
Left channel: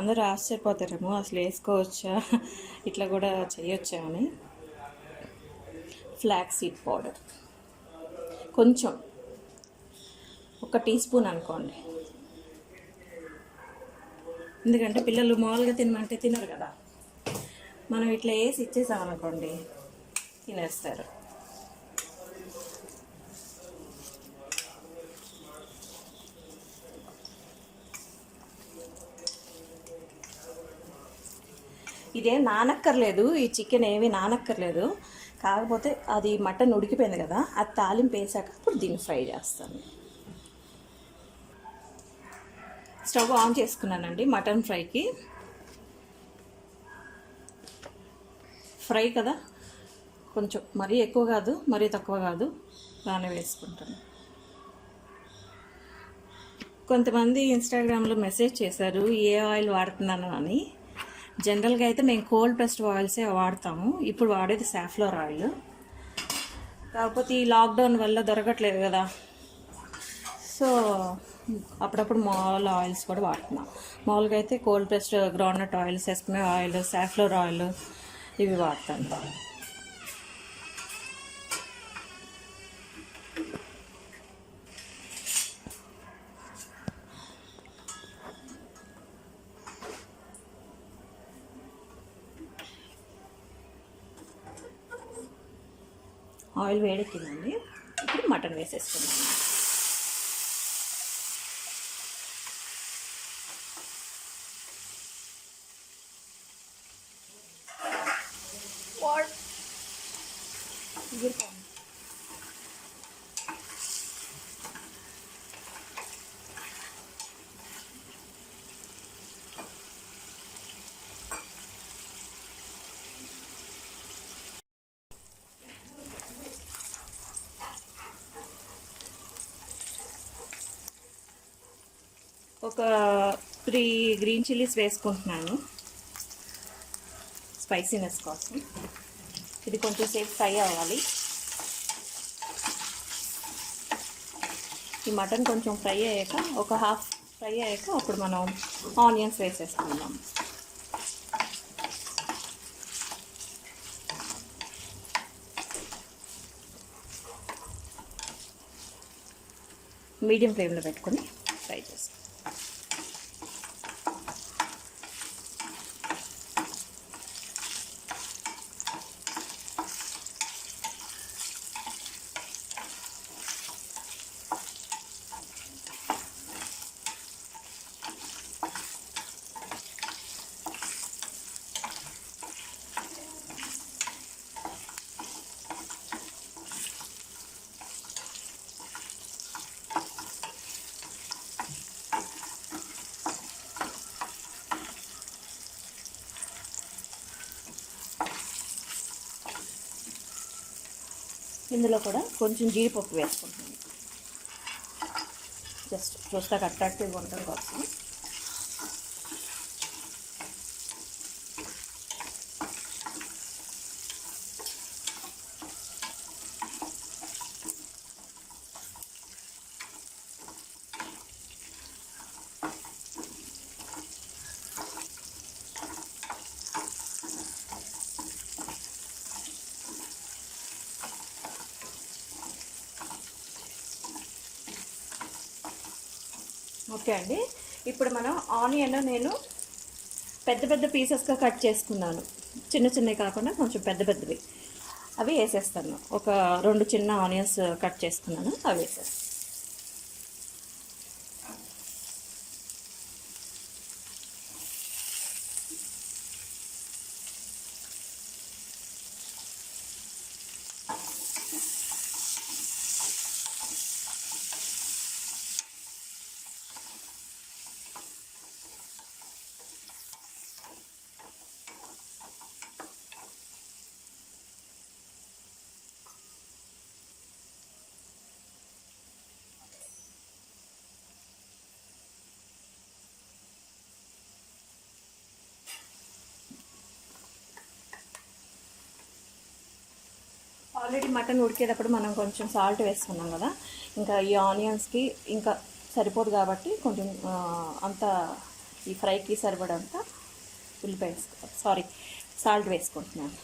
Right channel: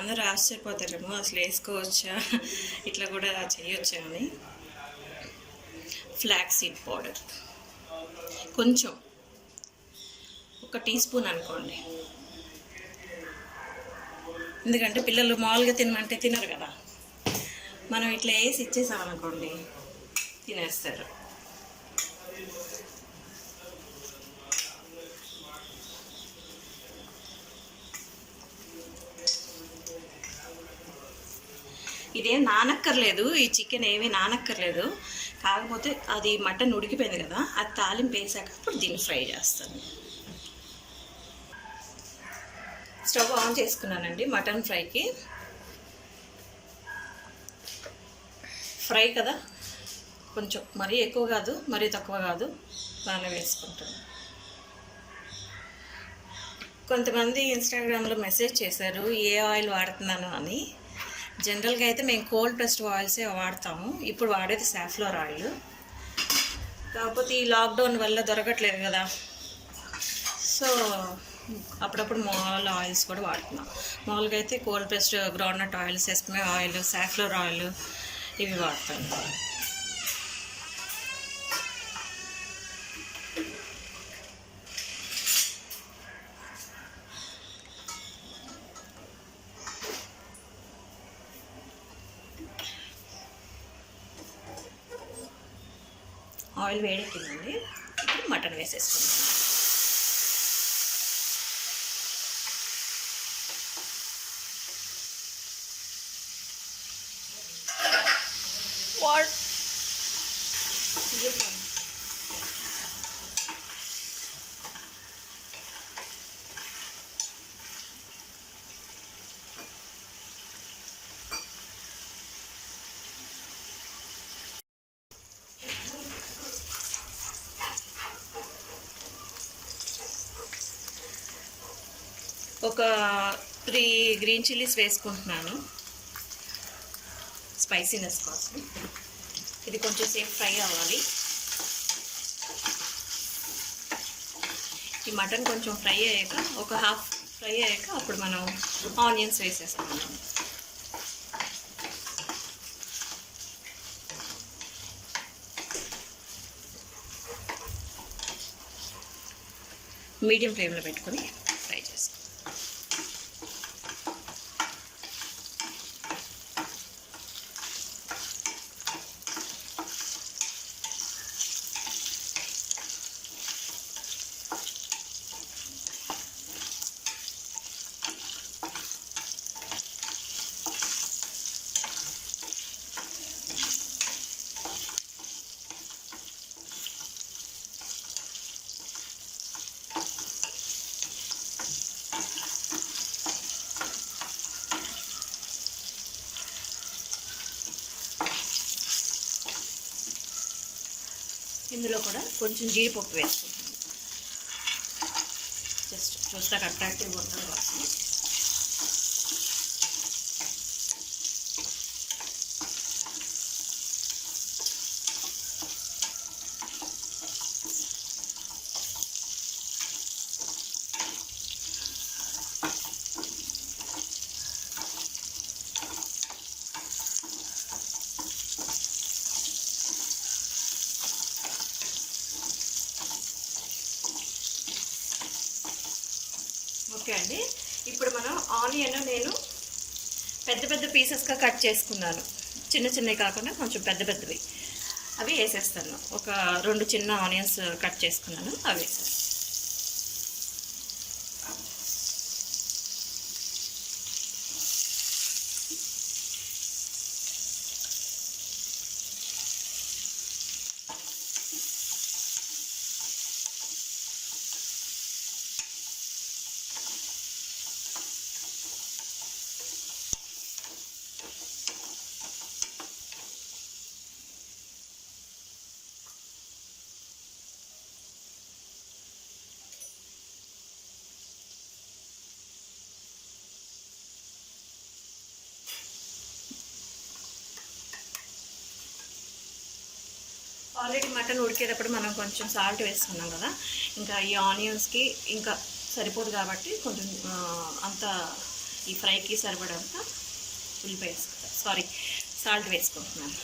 అందరూ ఆశ్చర్యపోతారేమో అసలు వేసుకోవచ్చా, ఇట్లా కూడా చేయొచ్చా అని. ఫ్లాక్స్ సీడ్ పౌడర్ కొంచెం, ఒక టీ స్పూన్ అనుకోండి. ఎందుకంటే పిల్లలు మామూలుగా తినమంటే తినరు కదా, మనం ఇట్లా వేసి ఇచ్చేసామనుకోండి తినేస్తారు. ఇదేం నానక్కర్లేదు, ఈ చికెన్ ఏమీ నానక్కర్లేదు. కాకపోతే అది మటన్ ఉడికిపోయింది కదా, అది తాలింపు వేసాక ఇప్పుడు దీన్ని ఫ్రై చేస్తాను. స్టవ్ ఆన్ చేసుకున్నానండి మటన్ ఫ్రైకి. ఫ్రై కదా, కొంచెం మరీ ఎక్కువ కాదు మరీ తక్కువ కాదు, బాగానే వేసుకుంటాను. కొంతమంది ఇన్స్టాగ్రామ్లో మెసేజ్ చేశారు ఏ ఆయిల్ వాడుతున్నాను అని. జనరల్గా అయితే మేము కోల్డ్ ప్రెస్డ్ ఆయిల్సే వాడతాము. ఇప్పుడు వాడేది సాఫ్లవర్ ఆయిల్. కాకపోతే ఈ లాక్డౌన్ వల్ల దొరకట్లేదు కదా, సో అప్పుడప్పుడు మామూలు ఆయిల్స్ కూడా వాడుతున్నాం. మామూలుగా అయితే cold pressed groundnut oil, sesame oil, safflower oil ఇవి వాడతాను. ఆయిల్ వేడెక్కిందండి, ఇప్పుడు మటన్ వేసేసుకున్నాను. ఒక 3 గ్రీన్ చిల్లీస్ వేసుకుంటున్నాను స్పైసీనెస్ కోసం. ఇది కొంచెం సేపు ఫ్రై అవ్వాలి. ఈ మటన్ కొంచెం ఫ్రై అయ్యాక, ఒక హాఫ్ ఫ్రై అయ్యాక అప్పుడు మనం ఆనియన్స్ వేసేసుకుందాం. మీడియం ఫ్లేమ్లో పెట్టుకొని ఫ్రై చేసుకో. ఇందులో కూడా కొంచెం జీడిపప్పు వేసుకుంటాను, జస్ట్ చూస్తాక అట్రాక్టివ్గా ఉండడం కోసం. ఓకే అండి, ఇప్పుడు మనం ఆనియన్ నేను పెద్ద పెద్ద పీసెస్గా కట్ చేసుకున్నాను. చిన్న చిన్నవి కాకుండా కొంచెం పెద్ద పెద్దవి, అవి వేసేస్తాను. ఒక 2 చిన్న ఆనియన్స్ కట్ చేసుకున్నాను, అవి వేసేస్తాను. ఆల్రెడీ మటన్ ఉడికేటప్పుడు మనం కొంచెం సాల్ట్ వేసుకున్నాం కదా, ఇంకా ఈ ఆనియన్స్కి ఇంకా సరిపోదు కాబట్టి కొంచెం అంత ఈ ఫ్రైకి సరిపడంత ఉల్లిపాయ సాల్ట్ వేసుకుంటున్నాను.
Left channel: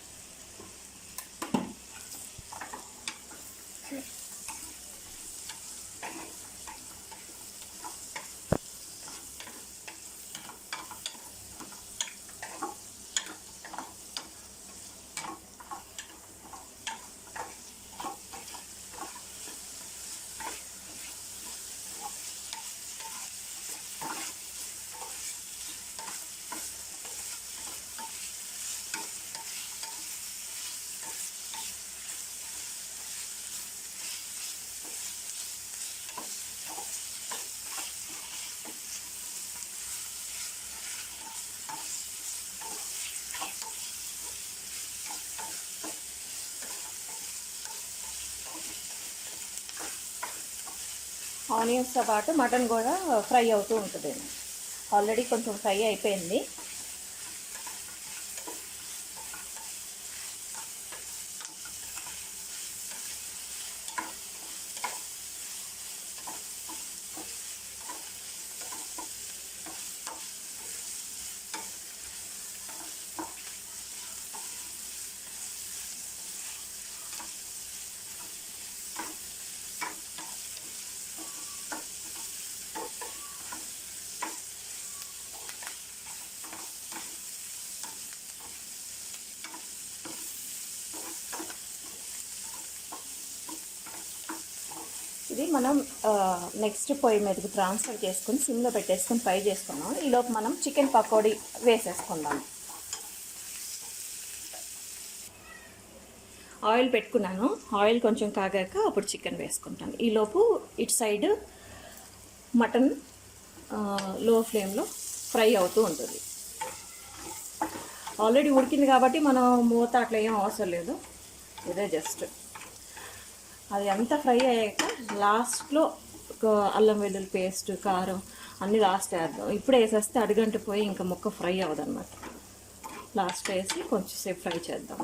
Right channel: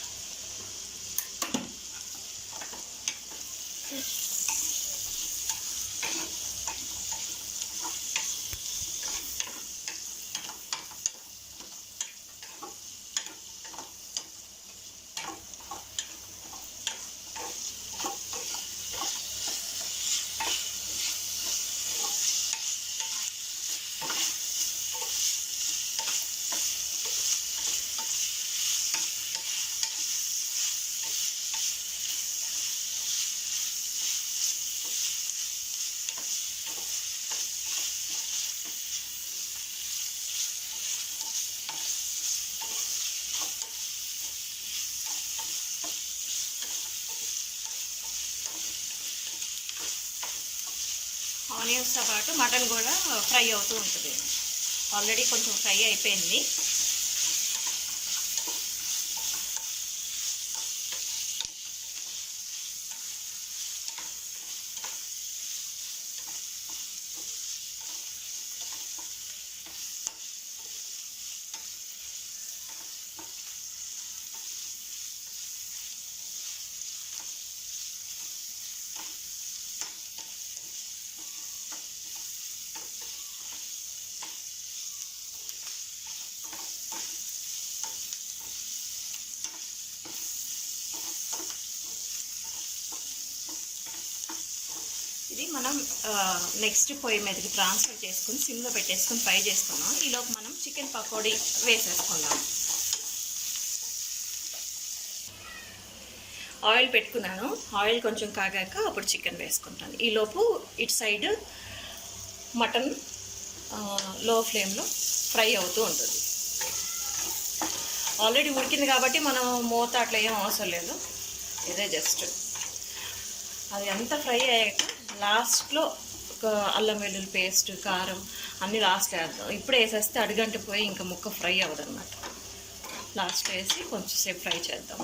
ఆనియన్స్తో పాటు మటన్ కూడా ఫ్రై అవుతూ ఉంటుంది. ఆల్రెడీ కొంచెం ఫ్రై అయిపోయింది. ఇది మనం నెక్స్ట్ పొయ్యి మీదకి ట్రాన్స్ఫర్ చేసుకుని సిమ్లో పెట్టేసుకొని ఫ్రై చేసుకున్నాం. ఈలోపు మనం చికెన్ పకోడీ వేసేసుకుందాం. ఆయిల్ పెట్టుకున్నాను. ఆయిల్ కొంచెం కాగాక అప్పుడు చికెన్ వేసుకుంటాను. ఈలోపు ఇటు సైడ్ మటన్ లో ఫ్లేమ్లో ఫ్రై అవుతూ ఉంటుంది. ఆల్రెడీ ఉడికింది కాబట్టి మనం మూత అట్లా ఏం అవసరం లేదు. ఇదే జస్ట్ అది అంతా ఫ్రై అయ్యాక లాస్ట్లో ఒక అల్లం వెల్లుల్లి పేస్ట్, కారం అన్నీ లాస్ట్లో వేద్దాం. ఇప్పుడే వేసేస్తే అడుగంట పోయి ఇంకా ముక్క ఫ్రై అవ్వదు అన్నమాట. లాస్ట్లో వేసి కొంచెం సేపు ఫ్రై చేద్దాం.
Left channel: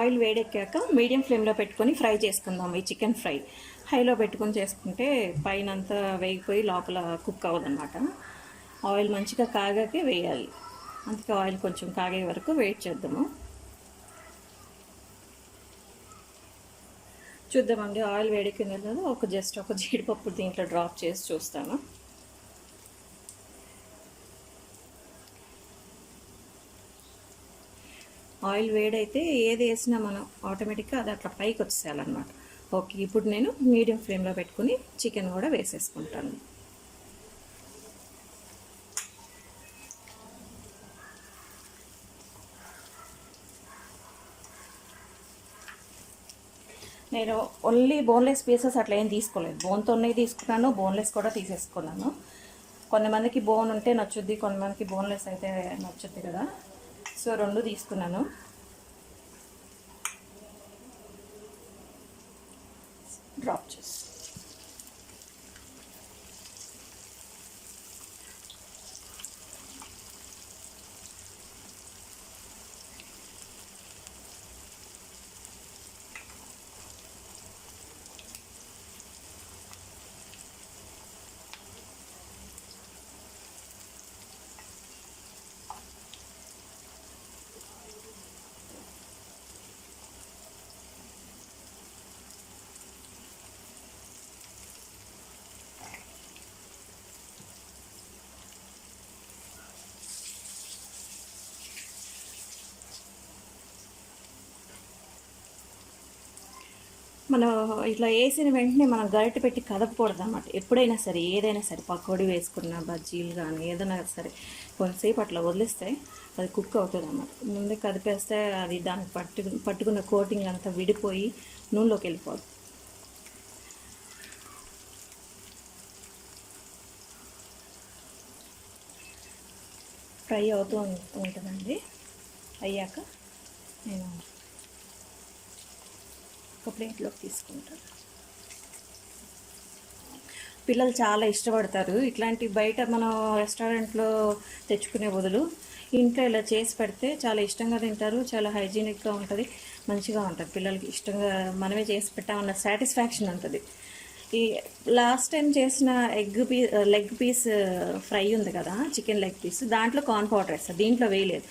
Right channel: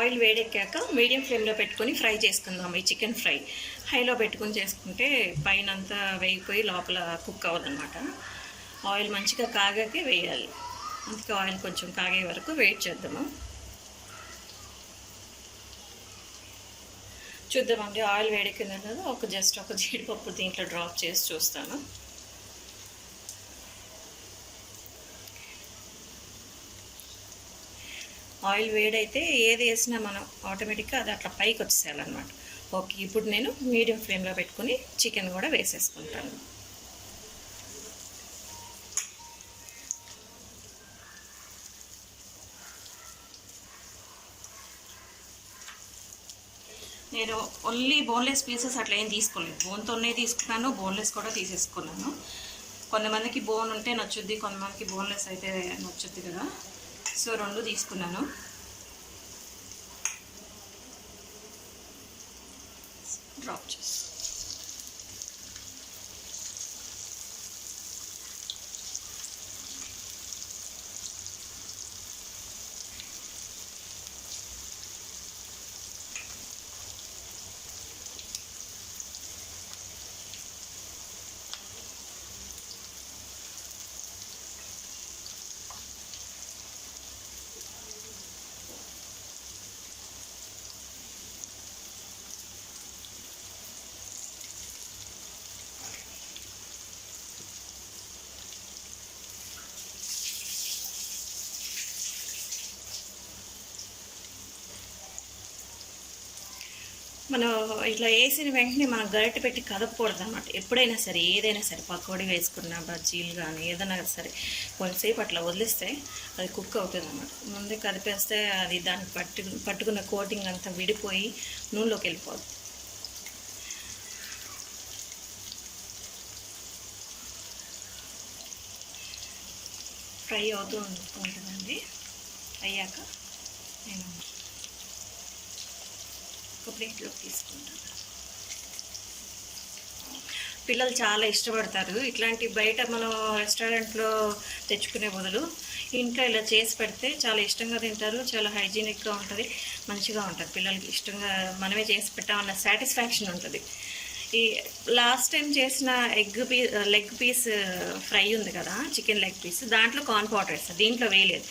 ఆయిల్ వేడెక్కాక మీడియం ఫ్లేమ్లో పెట్టుకొని ఫ్రై చేసుకుందాం. ఈ చికెన్ ఫ్రై హైలో పెట్టుకొని చేసుకుంటే పైన అంతా వేగిపోయి లోపల కుక్ అవ్వదన్నమాట. ఆయిల్ మంచిగా కాగాకే వేయాలి. అందుకే ఆయిల్ కొంచెం కాగే వరకు వెయిట్ చేద్దాము. చూద్దామండి ఆయిల్ వేడెక్కిందో లేదో. ఒక జీడిపప్పు దీంట్లో డ్రాప్ చేసి చూస్తాను. ఆయిల్ వేడైతే ఏది వేసినా మనం ఆటోమేటిక్గా అది అట్లా పైకి వచ్చేయాలన్నమాట. ఓకే, ఇప్పుడు నేను మీడియం ఫ్లేమ్లో పెట్టుకుని చికెన్ కూడా వేసేసుకుంటాను. నేను ఓన్లీ బోన్లెస్ పీసెస్ అట్లా ఏం తీసుకోలేదు. బోన్తో ఉన్నాయి తీసుకున్నాను, బోన్లెస్ కూడా తీసేసుకున్నాను. కొంతమందికి బోన్ ఉంటే నచ్చుద్ది, కొంతమందికి బోన్లెస్ అయితే నచ్చుద్ది కదా. సో 2 తీసుకున్నాను. డ్రాప్ చేసి మనం ఇట్లా వేసిన వెంటనే మనం గరిటె పెట్టి కదపకూడదు అన్నమాట. ఎప్పుడైనా సరే ఏదైనా సరే పకోడీ వేసుకున్న బజ్జీలు కానీ ఏదైనా సరే కొంచెంసేపు అట్లా వదిలిస్తే అది కుక్ అవుతుంది అన్నమాట. ముందే కదిపేస్తే అది దానికి పట్టుకున్న కోటింగ్ అంతా విడిపోయి నూనెలోకి వెళ్ళిపోద్ది. ఫ్రై అవుతూ ఉంటుందండి. అయ్యాక నేను ఒక ప్లేట్లోకి తీసుకుంటాను. పిల్లలు చాలా ఇష్టపడతారు ఇట్లాంటి బయట మనం రెస్టారెంట్లో తెచ్చుకునే బదులు ఇంట్లో ఇలా చేసి పెడితే చాలా ఇష్టంగా తింటారు. చాలా హైజీనిక్గా ఉంటుంది, మంచిగా ఉంటుంది. పిల్లలకి ఇష్టంగా మనమే చేసి పెట్టామన్న సాటిస్ఫాక్షన్ ఉంటుంది. ఈ లాస్ట్ టైం చేసిన లెగ్ పీస్ ఫ్రై ఉంది కదా, చికెన్ లెగ్ పీస్, దాంట్లో కార్న్ పౌడర్ వేస్తాను, దీంట్లో వేయలేదు.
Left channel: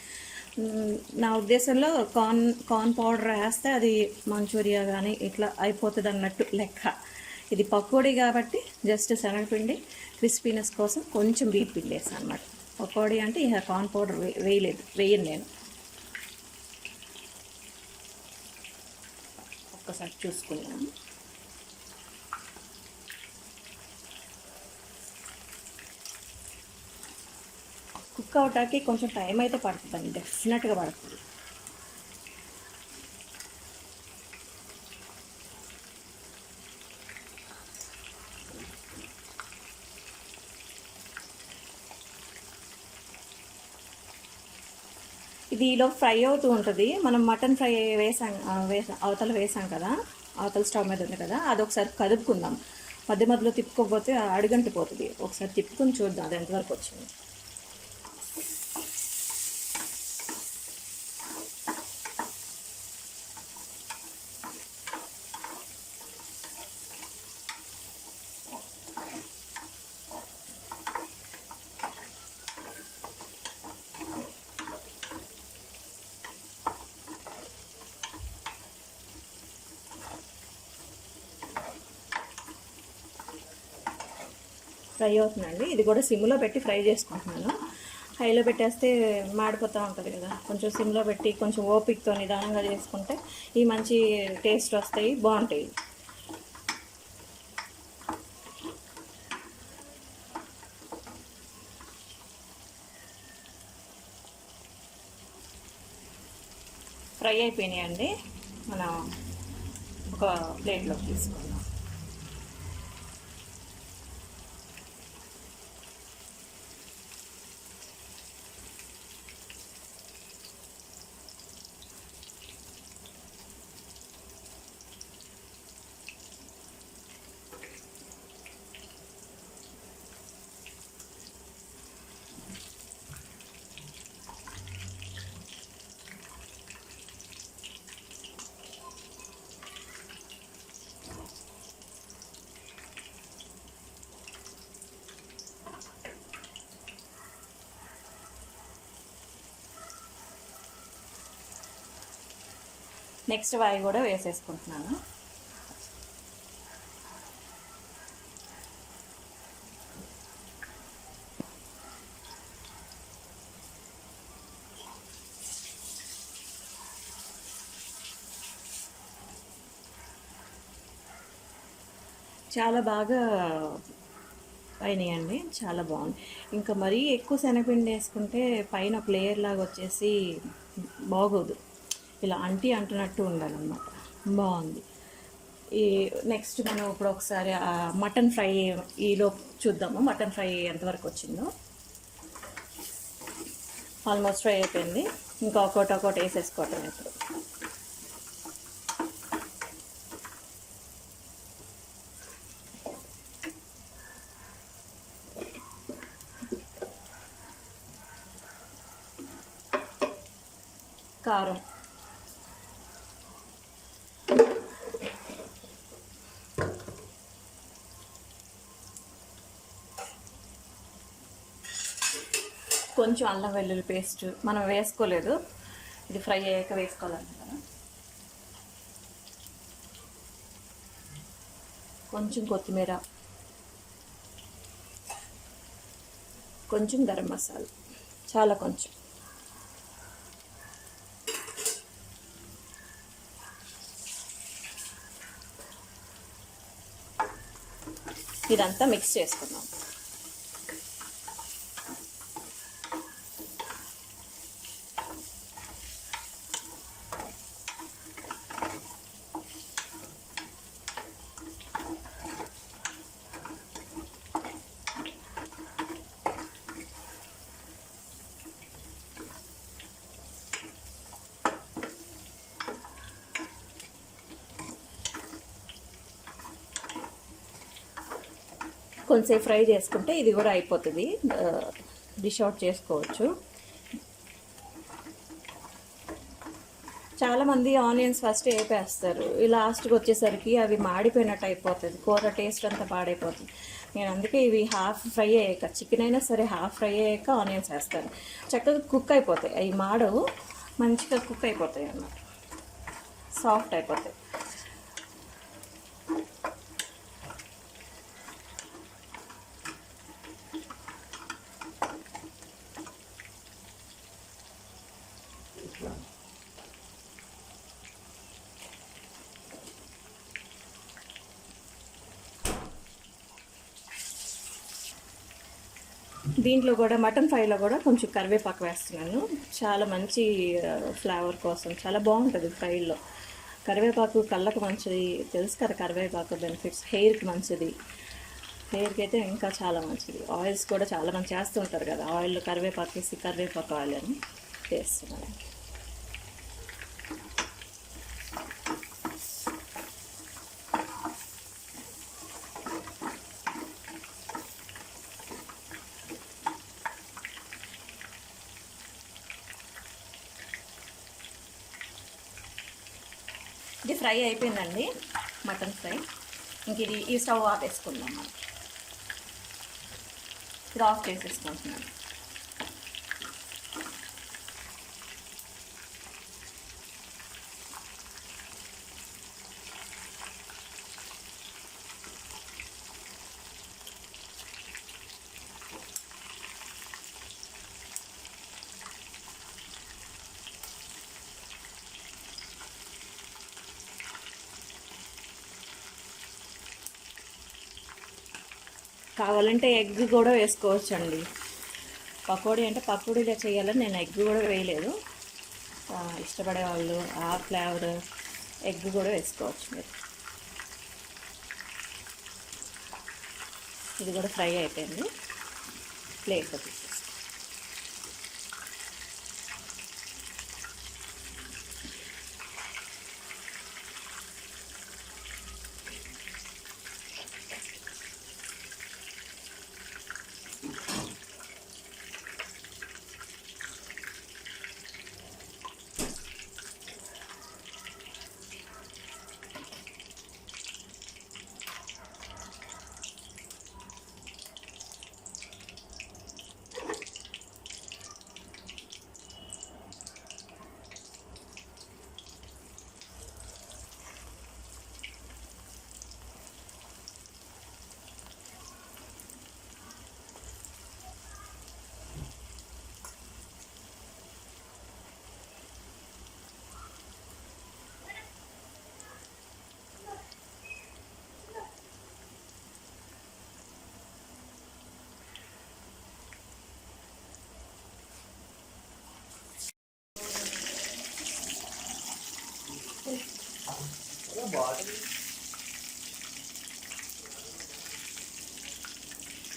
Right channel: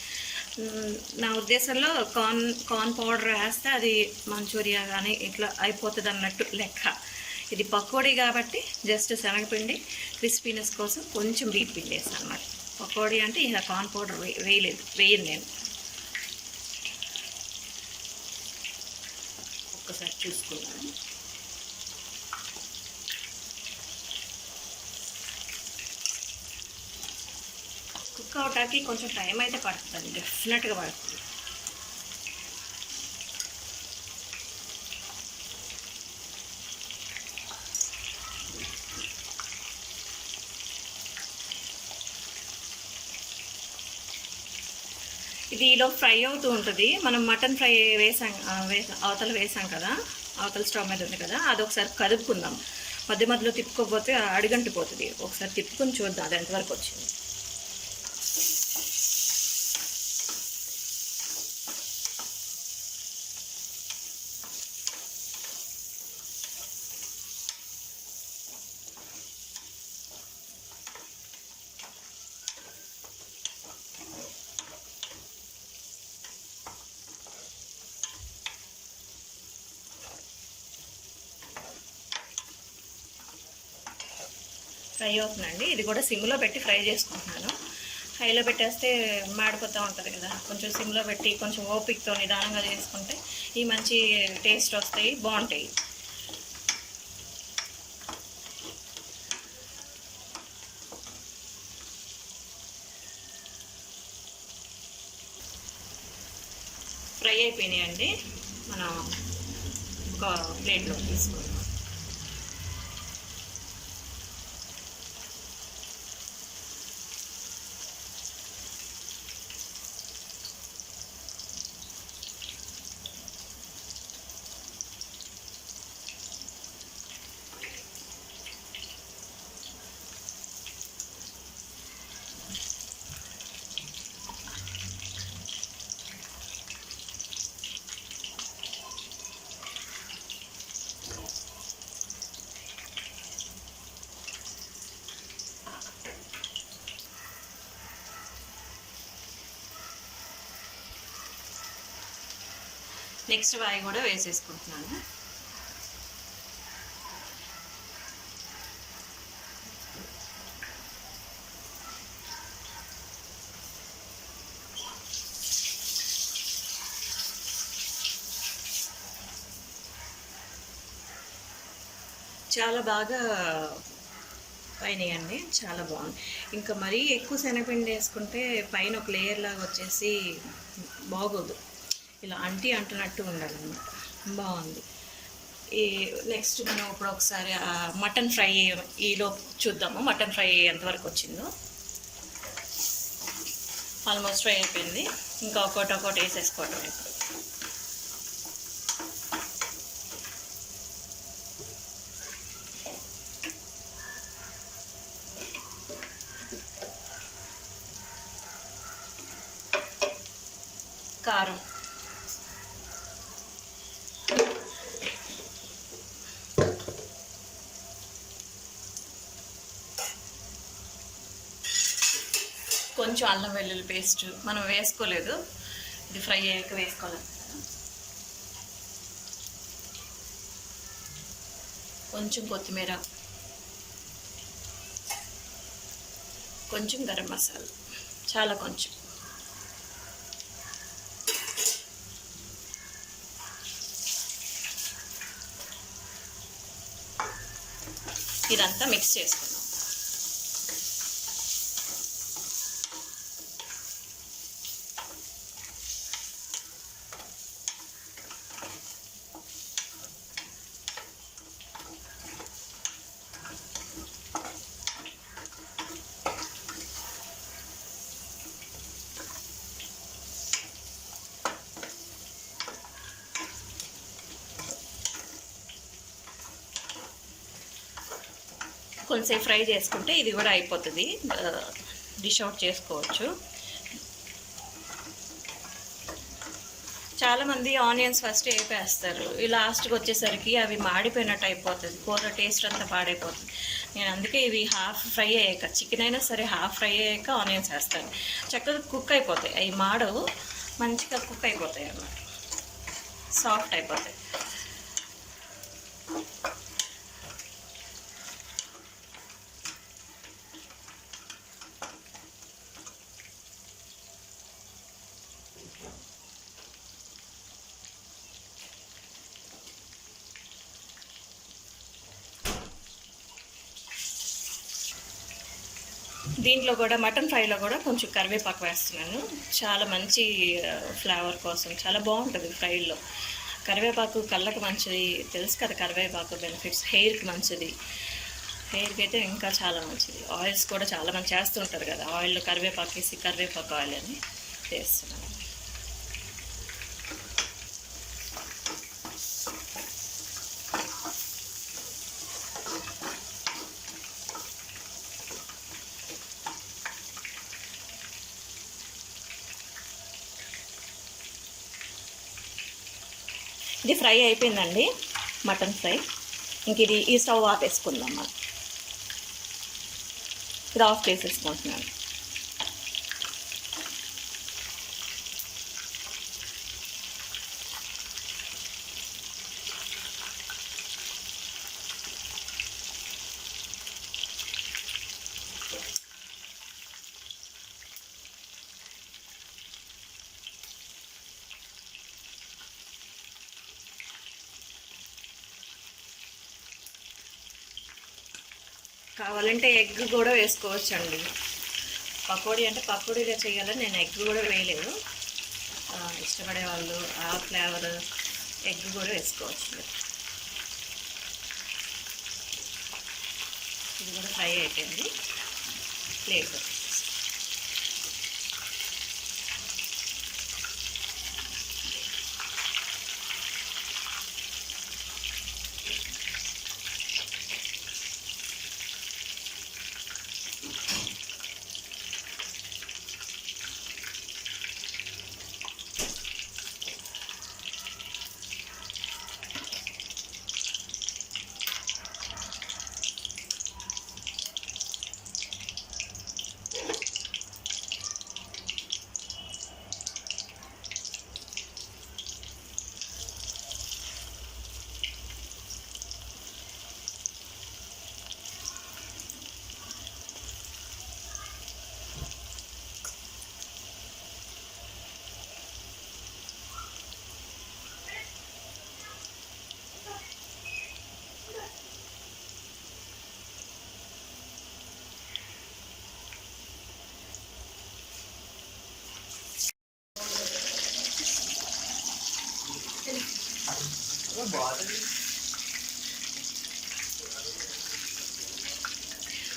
నా ఉద్దేశంలో కార్న్ పౌడర్ వేస్తే అది మంచూరియా కానీ ఇట్లా అయిపోతుంది అన్నట్టు లెక్క. ఇది పకోడీ కాబట్టి జస్ట్ శనగపిండి క్రిస్పీనెస్ కోసం కొంచెం వీట్ పిండి వేసాను అనమాట. పకోడీ అంటే ఇక కార్న్ పౌడర్ వేయను నేను. ఒక్కసారి చూసుకున్నాను. కుక్ అవటానికి కొంచెం టైం అయితే పడుతుందండి, డెఫినెట్గా పడుతుంది. ఇది ఈలో ఫ్రై అవుతూ ఉంటుంది. మనం మటన్ ఫ్రై అవతల వేసాం కదా, అవతల స్టవ్ మీద ఉంది కదా, అదొకసారి కదుపుకుందాం. మధ్య మధ్యలో తిప్పుకోకపోతే అడుగంటిపోతుంది. ఒకసారి తిప్పుకొని చూద్దాం అది ఎంతవరకు వచ్చింది. ఫ్రై అవుతుందండి. ఇది కూడా సిమ్లో పెట్టి ఫ్రై చేసుకుంటున్నాను. హైలో పెట్టేస్తే మాడిపోతూ ఉంటుంది కదా, కొంచెం సిమ్లో పెట్టి కొంచెం ఓపికతో నిదానంగా చేసుకుంటే ఈ మంచి టేస్ట్ వస్తాయి, బాగుంటాయి. ఫ్రై అయిపోయినాయండి. మనం ఒక ప్లేట్లోకి తీసుకుందాం. నెక్స్ట్ వాయి కూడా వేసేసుకుంటున్నాను. చాలా బాగా అయినాయండి, చాలా బాగుంది. ఇంకా మరీ ఎక్కువ శనగపిండి వేసుకుంటే పైన ఒక లేయర్ లాగా వచ్చేసి బాగోదు. ఇలా అంటున్నట్టు ఉండాలన్నమాట. బాగుంది. ఈ నెక్స్ట్ మనం ఇప్పుడు ఒకసారి మటన్ ఫ్రై ఈలో చూద్దాము. మటన్ ఫ్రై ఎంతవరకు వచ్చిందో. ఆల్మోస్ట్ ఫ్రై అయిపోయింది. ఇంకా ఒక్కొక్కటి వేసేసుకోవటం ఇప్పుడు. కారం, కొంచెం అల్లం వెల్లుల్లి పేస్ట్ మనం వేసుకోలేదు, ఇది ఫ్రై అయ్యాక వేసుకోవాలి కదా. కొంచెం కొత్తిమీర, కొంచెం గరం మసాలా, చాలా కొంచెం. ఇదంతా మిక్స్ చేసుకుందాం. కొంచెంసేపు ఫ్రై చేసుకుంటే ఇది కూడా అయిపోతుంది, డిష్ అవుట్ చేసుకోవచ్చు. చాలామంది ఆనియన్స్ ఫస్ట్ వేపేస్తారు, ఈ లాస్ట్కి వచ్చేసరికి అవి మాడిపోయినట్టు అయిపోతుంది, కూర టేస్ట్ అంతా పాడైపోతుంది. నేను అందుకే ఇవి హాఫ్ ఫ్రై అయ్యాక, చికెన్ అయినా సరే హాఫ్ ఫ్రై అయ్యాక ఆనియన్స్ వేస్తాను. చక్కగా కుక్ అయిపోతాయి, అవి మాడవు, మంచిగా కుక్ అయిపోతాయి అన్నమాట, సాఫ్ట్ అయిపోతాయి. దీంట్లో కూడా మటన్ ఫ్రైలో కూడా కొంచెం కరివేపాకు వేస్తున్నాను, చాలా మంచి ఫ్లేవర్ కోసం, చాలా బాగుంటుంది ఫ్రైలో. కరివేపాకు కళ్ళకి మంచిది, తెలుసు కదా కరివేపాకు బెనిఫిట్స్, హెయిర్కి మంచిది, హెయిర్కి అయితే ఇంకా చాలా మంచిది. ఆయిల్స్ కూడా చాలా మంది చేస్తుంటారు కదా, ఆయిల్ కరివేపాకు వేసి కరివేపాకు ఆయిల్ అని చేస్తున్నాను. ఇది ఫ్రై అయిపోయిందండి, మటన్ ఫ్రై. ఇంక ఇది ఈ స్టవ్ ఆపేసుకుందాం మనం. ఇది ఆఫ్ చేసేసుకుంటున్నాను. కావాలంటే ఎగ్ కూడా వేసుకోవచ్చు అండి. పకోడీ అంటే పకోడీలో చేయాలని నేను ఎగ్ కూడా వేయలేదు, ఇష్టపడే వాళ్ళు ఆ ఫ్లేవర్ ఎగ్ కూడా వేసుకోవచ్చు. ఇది కూడా ఫ్రై అయిపోయింది, ప్లేట్లో తీసేసి.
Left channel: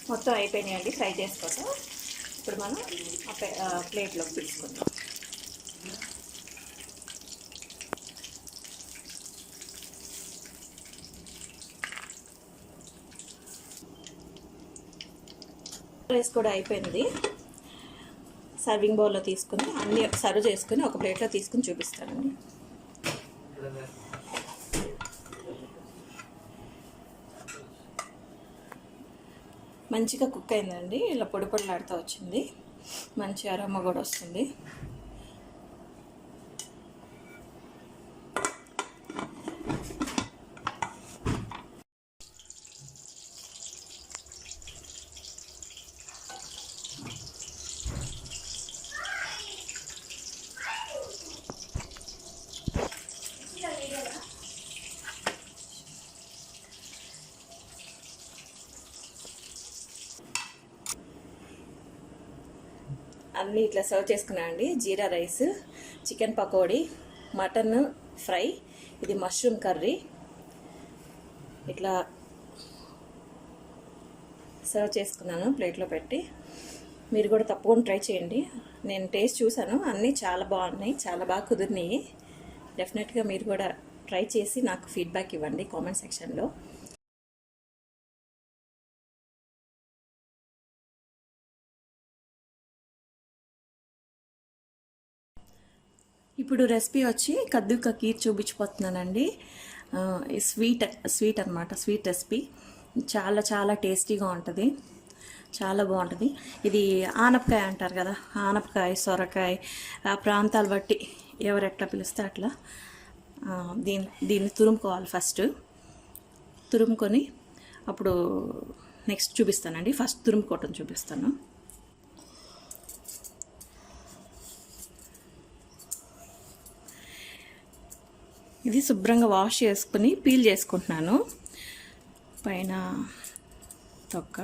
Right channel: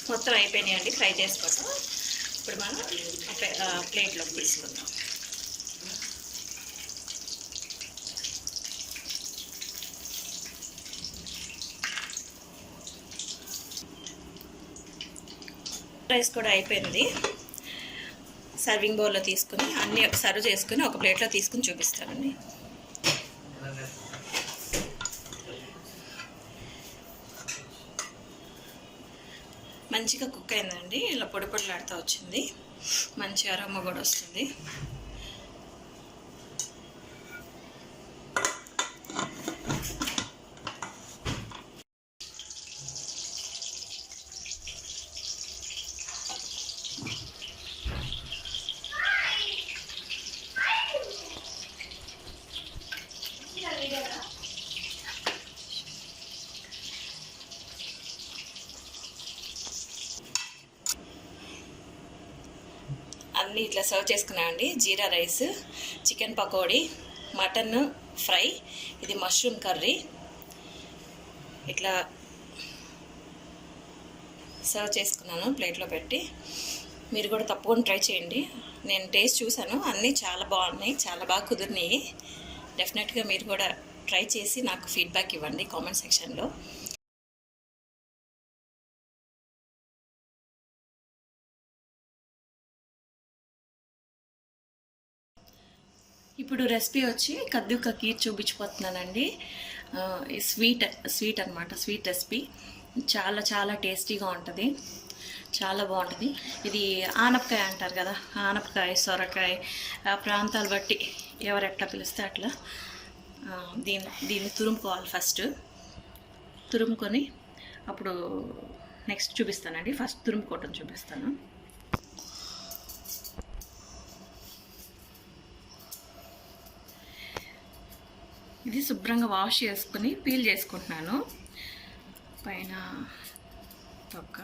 మొత్తం అయిపోయినాయండి ఫ్రై చేసుకోవటం. ఇప్పుడు మనం ప్లేట్లోకి తీసుకుందాం. రైస్ కూడా అయిపోయింది, సర్వింగ్ బౌల్లో తీసుకుని అన్నీ సర్వ్ చేసుకుని ఒక ప్లేట్లో తీసుకుని చూపిస్తానండి. మంచిగా కుక్ అయిందండి, ఇలా పొడి పొడిలాడుతూ వచ్చింది, మంచి అరోమా కూడా వస్తుంది. అన్నీ ఇట్లా సర్వ్ చేసుకున్నామండి. Jeera rice, chicken pakodi, mutton fry, ఇది మష్రూమ్ కర్రీ, ఇట్లా సర్వ్ చేసుకున్నాను ప్లేట్లో పెట్టి. మీరు కూడా తప్పకుండా ట్రై చేయండి. నేను టేస్ట్ చూసాను, అన్నీ చాలా బాగున్నాయి, చాలా బాగా కుదిరినాయి. డెఫినెట్గా మీరు కూడా ట్రై చేసి నాకు ఫీడ్బ్యాక్ ఇవ్వండి కామెంట్ సెక్షన్లో. ఇప్పుడు రెసిపీ వచ్చి కద్దు కా ఖీర్ చూపించిపోతున్నానండి. స్వీట్ అనమాట, స్వీట్ రెసిపీ. చాలా చాలా టేస్టీగా ఉంటుంది, చాలా బాగుంటుంది. ఇది ఆనపకాయ అంటారు కదా, ఆనపకాయ, సొరకాయ, ఆ ప్రాంతాలు బట్టి ఎవరు ఎట్లా పిలిస్తే అట్లా. దీన్ని తురుముకోవాలి. ఫస్ట్ తురుముకొని అప్పుడు నెక్స్ట్ చూపిస్తానండి. ఫస్ట్ తురుముకోవటం చూపిస్తాను. ఇది శుభ్రంగా వాష్ చేసుకుని పీల్ చేసుకుంటున్నాను పైన తొక్క.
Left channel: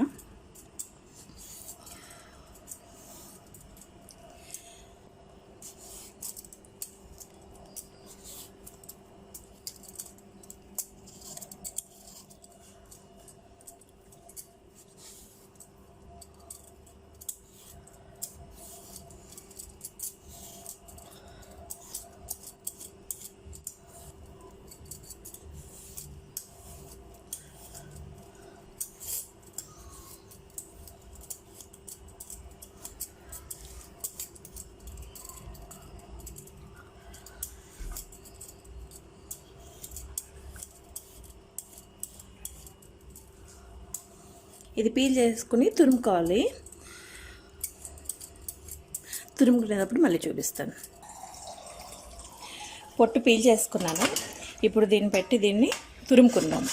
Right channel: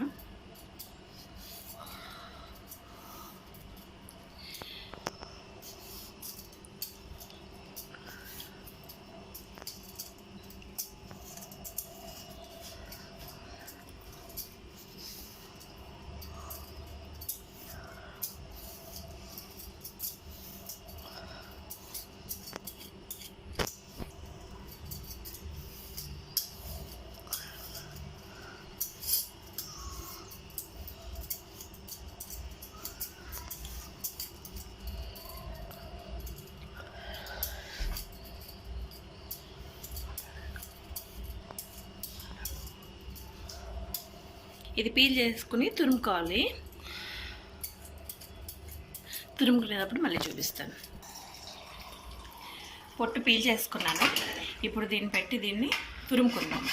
ఇది పీల్ చేసుకుని తురుముకోవాలి. తురుముకునేటప్పుడు మళ్ళీ చూపిస్తాను. పొట్టు పీల్ చేసుకున్నాను. ఇప్పుడు దీన్ని పెట్టి దీన్ని తురుముకుందాం.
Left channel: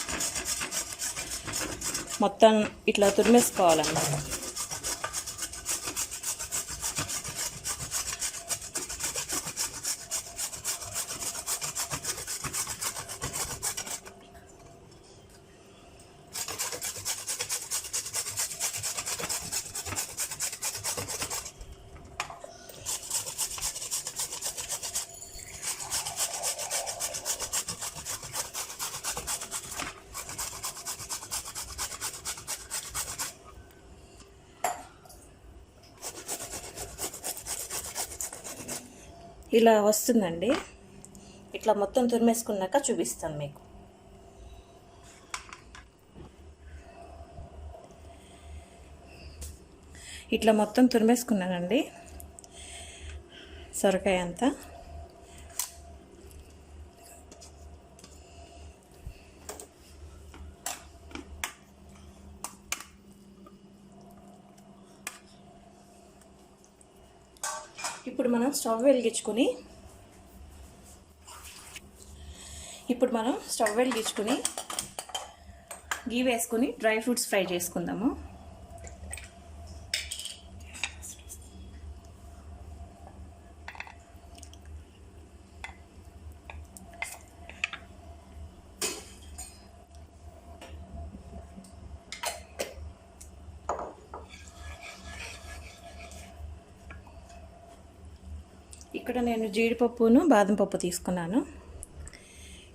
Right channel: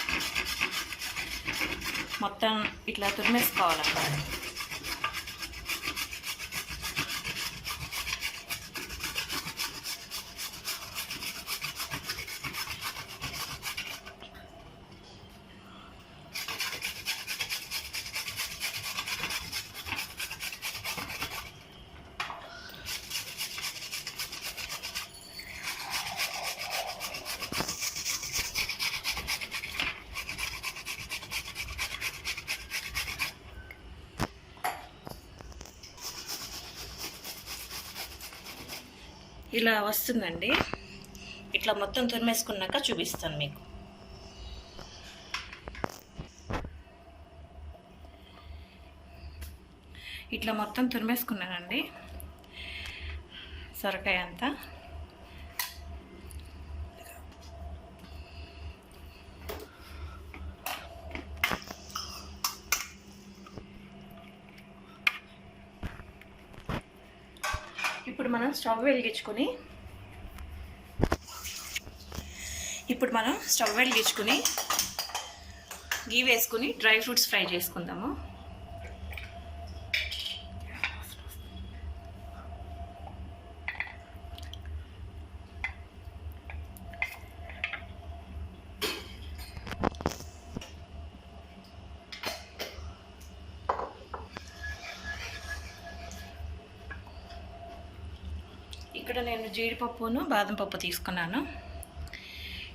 మొత్తం ఇట్లా తురిమేసుకోవాలన్నమాట. ఇలా వస్తుందండి. ఇట్లా మొత్తం తురిమేసుకున్నాక చూపిస్తాను మీకు. ఇట్లా మొత్తం తురిమేసుకున్నానండి సొరకాయ అంతా. ఇప్పుడు మనం స్టవ్ వెలిగించుకొని గీ వేసుకుని డ్రై ఫ్రూట్స్ ఫ్రై చేసుకుందాము. ఇక్కడ నేను జీడిపప్పును బాదం పప్పు తీసుకున్నాను.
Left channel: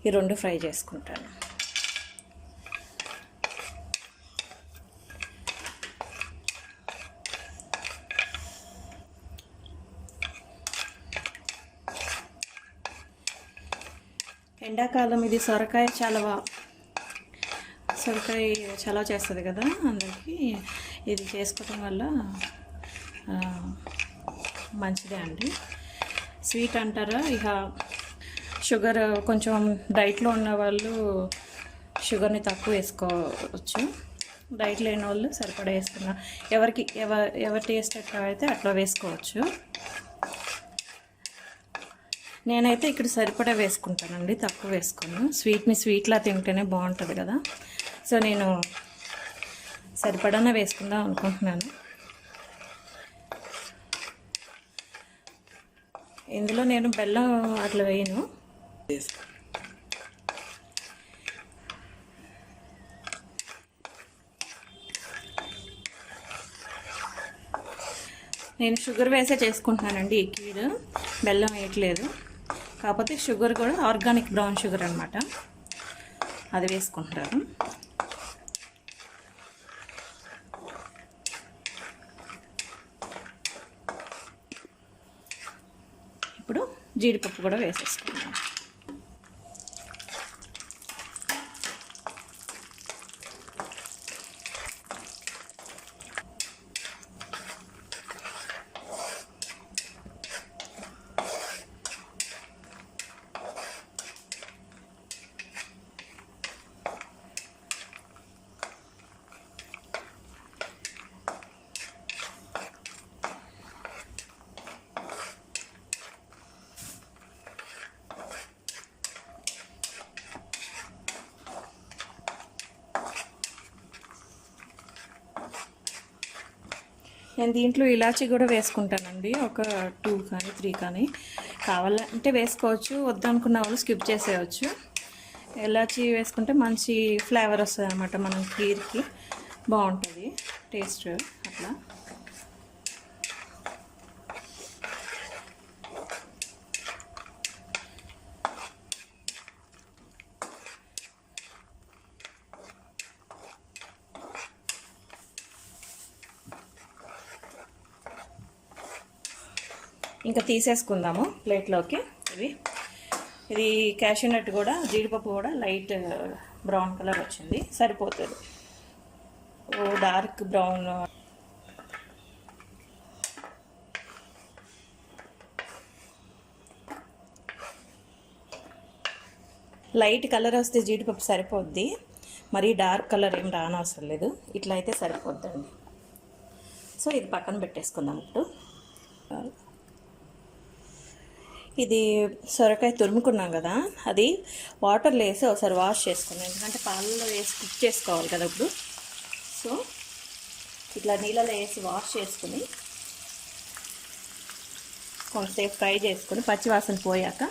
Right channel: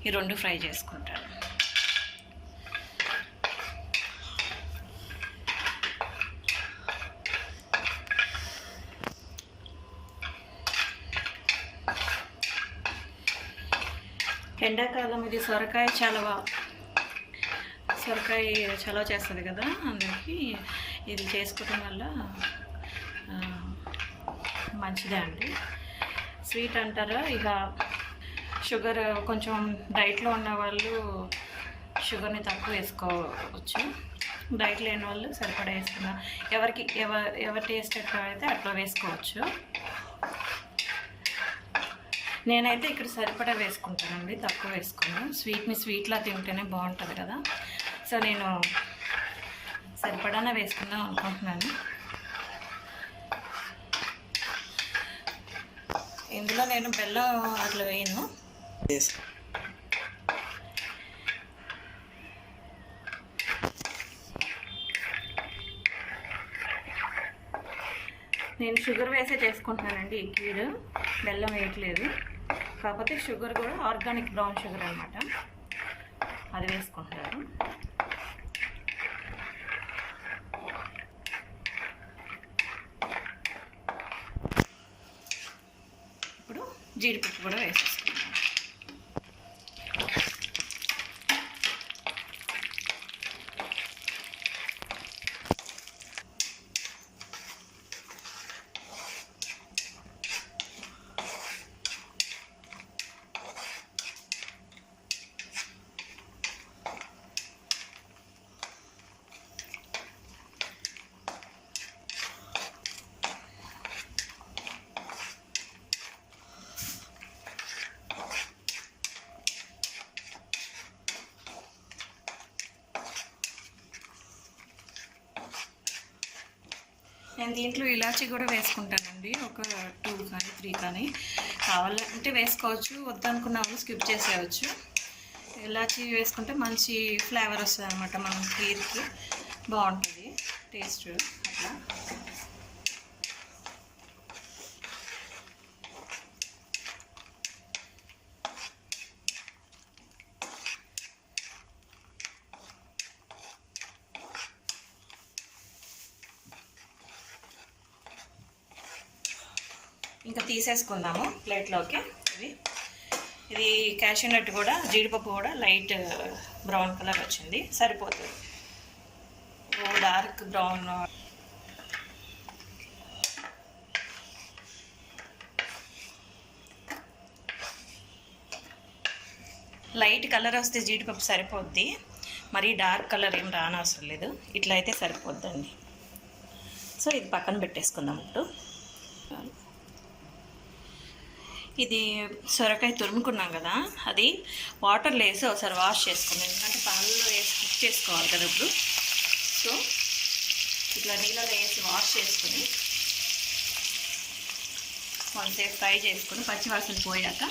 ఈ రెండు ఫ్రై చేసుకుంటాను. ఎండాకాలం ఇది సొరకాయ చాలా చేస్తుంది కదా, అందరికీ ఇది చేసుకోవడం వల్ల మంచిదే అండి. స్వీట్ అంటారా, ఇక షుగర్ కొంచెం డైట్లో ఉన్న వాళ్ళు షుగర్ని తక్కువ వేసుకోవచ్చు. డైట్ లేని వాళ్ళు సరిపడా వేసుకున్నారు. ఎవరి టేస్ట్ ఎట్లా అయితే అట్లా వేసుకోవచ్చు. నేనైతే ఇక్కడ సరిపడా వేసుకుంటానండి, తక్కువ వేసుకోను. స్వీట్లా తింటేనే బాగుంటుంది కదా, సో నేను సరిపడానే వేసుకుందాం అనుకుంటున్నాను. ఇందులో నేను బెల్లం అట్లా వేయను. నేను షుగర్ వేసే చేసుకుంటున్నానండి ఈ కీర్, బెల్లం వేయట్లేదు. కాకపోతే షుగర్ కూడా ఆర్గానిక్ బ్రౌన్ షుగర్ అనమాట, అది వేసుకుంటారు. ఇప్పుడు జీడిపప్పు కూడా వేసేసుకుంటాం. నేను దీంట్లో ఇలాచీ కూడా వేసుకుంటానండి, ఒక 2 కానీ 3 కానీ. కావాలంటే వేసుకోవచ్చు, వద్దనుకున్న వాళ్ళు స్కిప్ చేసేయచ్చు. ఇలాచీ వేసుకుంటే మంచి ఫ్లేవర్ వస్తుంది అన్నమాట, మనం కీర్కి బాగుంటుంది టేస్ట్. అట్లా ఇంకా తీసేసుకుందాము ప్లేట్లోకి. ఇది క్యాషూ నట్ కూడా, జీడిపప్పు కూడా లైట్ బ్రౌన్ కలర్ వచ్చింది, సరిపోతుంది. డార్క్ బ్రౌన్ లైట్ కలర్ వస్తే జీడిపప్పు సరిపోద్ది, మరీ డార్క్ కలర్ ఏం రానవసరం లేదు. ఇట్లా అయితే సరిపోద్దండి. సో ఇది పక్కన పెట్టేసుకుందాం. ఇప్పుడు ఇది సొరకాయ తురుముకున్నాం కదా, అది వాటర్లో వేసి ఒకసారి వాష్ చేసుకున్నాం, ఎందుకంటే పాలలో వేసి కుక్ చేసుకోవాలి కదా ఇప్పుడు. సో ఇట్లా నీళ్ళలో వేసి వాష్ చేసుకుని కొంతసేపు ఫ్రై చేసుకుని పచ్చివాసన పోయాక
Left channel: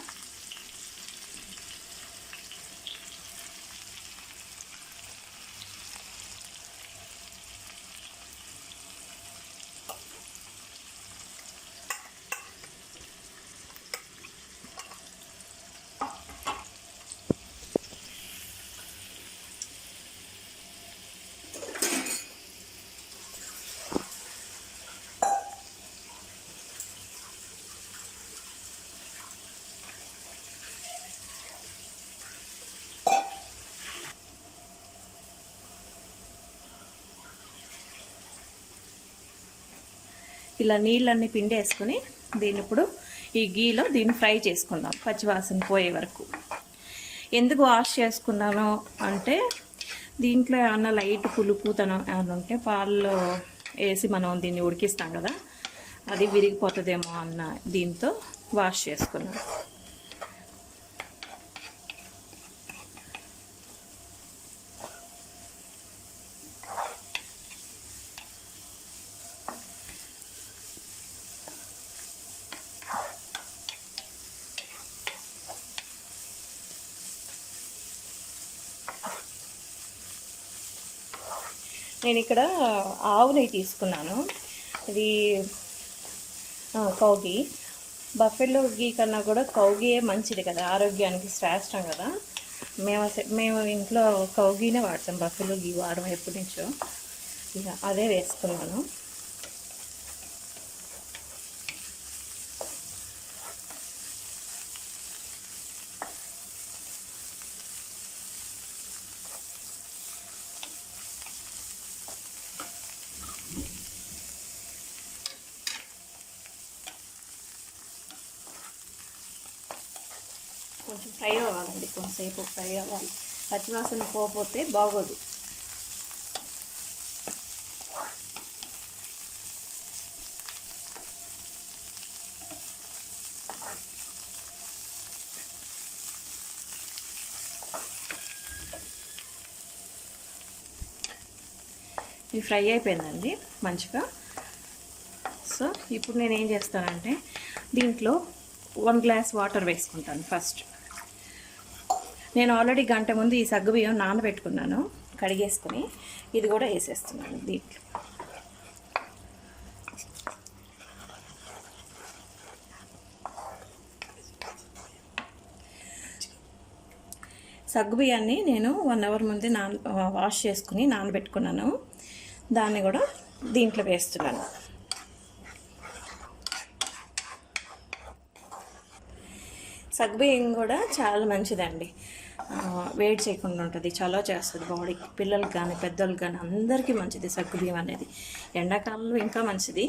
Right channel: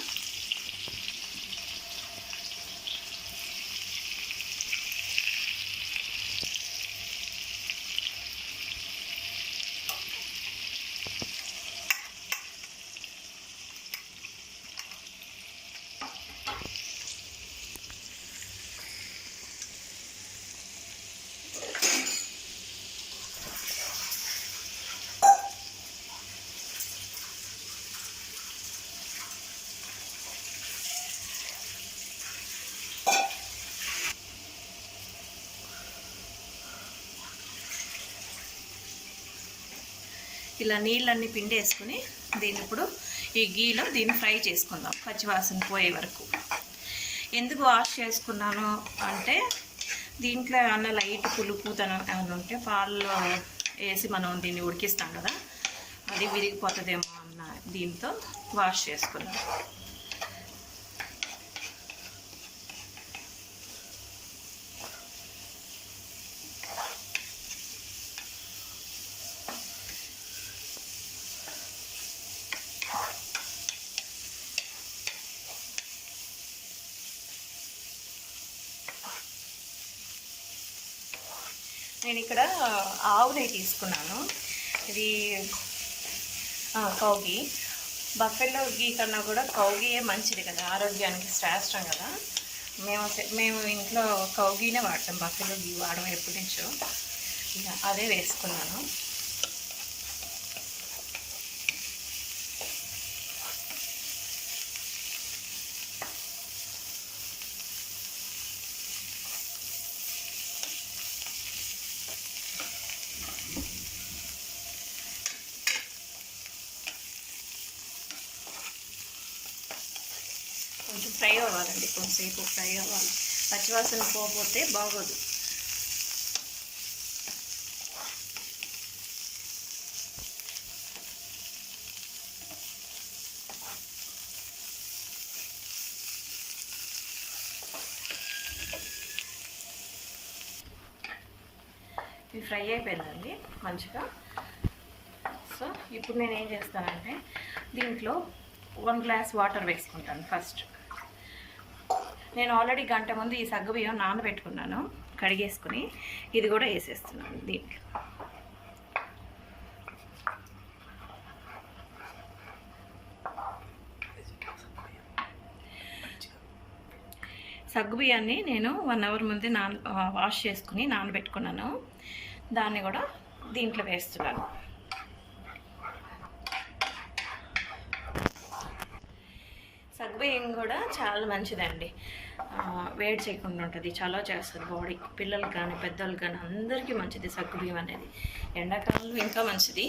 ఇలా నీళ్ళన్నీ పిండేసుకుని దీన్ని ఇప్పుడు ఈ గీలో దీన్ని ఫ్రై చేసుకుందాం పచ్చివాసన పోయే వరకు. ఎందుకు వాష్ చేసుకున్నాను అంటే, దీంట్లో ఏమన్నా లైట్ పులుపుతనం ఏమన్నా ఉంటే పాలలో వేసి మనం దీన్ని ఉడికిస్తాం కదా, అది విరిగిపోతుందేమో అన్న దీంతో వాష్ చేసుకున్నాం. నేను ఇక్కడ ఆవు నెయ్యి తీసుకున్నాను. ఇది కౌ ఘీ. బఫెలో ఘీ కన్నా కూడా కౌ ఘీయే మంచిది కదా, ఆరోగ్యానికి శ్రేష్టం కదా. మేము ఇంట్లో కౌ ఘీనే వాడతాం, బఫెలో ఘీ వాడడం ఎప్పటి నుంచో. ఇక అదే వేసుకున్నాను. కొంచెం ఫ్రై అవ్వాలండి, కొంచెంసేపు ఫ్రై అవ్వాలి, పచ్చివాసన పోతే బాగోదు. ఇది ఫ్రై అయిపోయిందండి మంచిగా. సో ఇప్పుడు నేను ఏం చేస్తానంటే, దీంట్లో 1 గ్లాస్ వాటర్ వేసుకుంటాను ఫస్ట్. నేను ఆల్రెడీ గంట ముందు ఈ సగ్గుబియ్యం నానబెట్టుకున్నాను, కడిగేసుకుని ఇది కూడా వేసేస్తున్నాను దీంట్లో. సగ్గుబియ్యాన్ని నేను 1 అవర్ ముందు వాష్ చేసుకుని నానబెట్టుకున్నాను, దాన్ని కూడా దీంట్లో వేస్తున్నాను. సగ్గుబియ్యం కూడా చాలా మంచిదండి, వేడి చేయకుండా ఉంటుంది, చాలా చేస్తుంది బాడీకి. పిల్లలకి కానీ పెద్దలకు కానీ అందరికీ మంచిది సగ్గుబియ్యం అనేది. ఎండాకాలంలో ఇంకా మంచిది.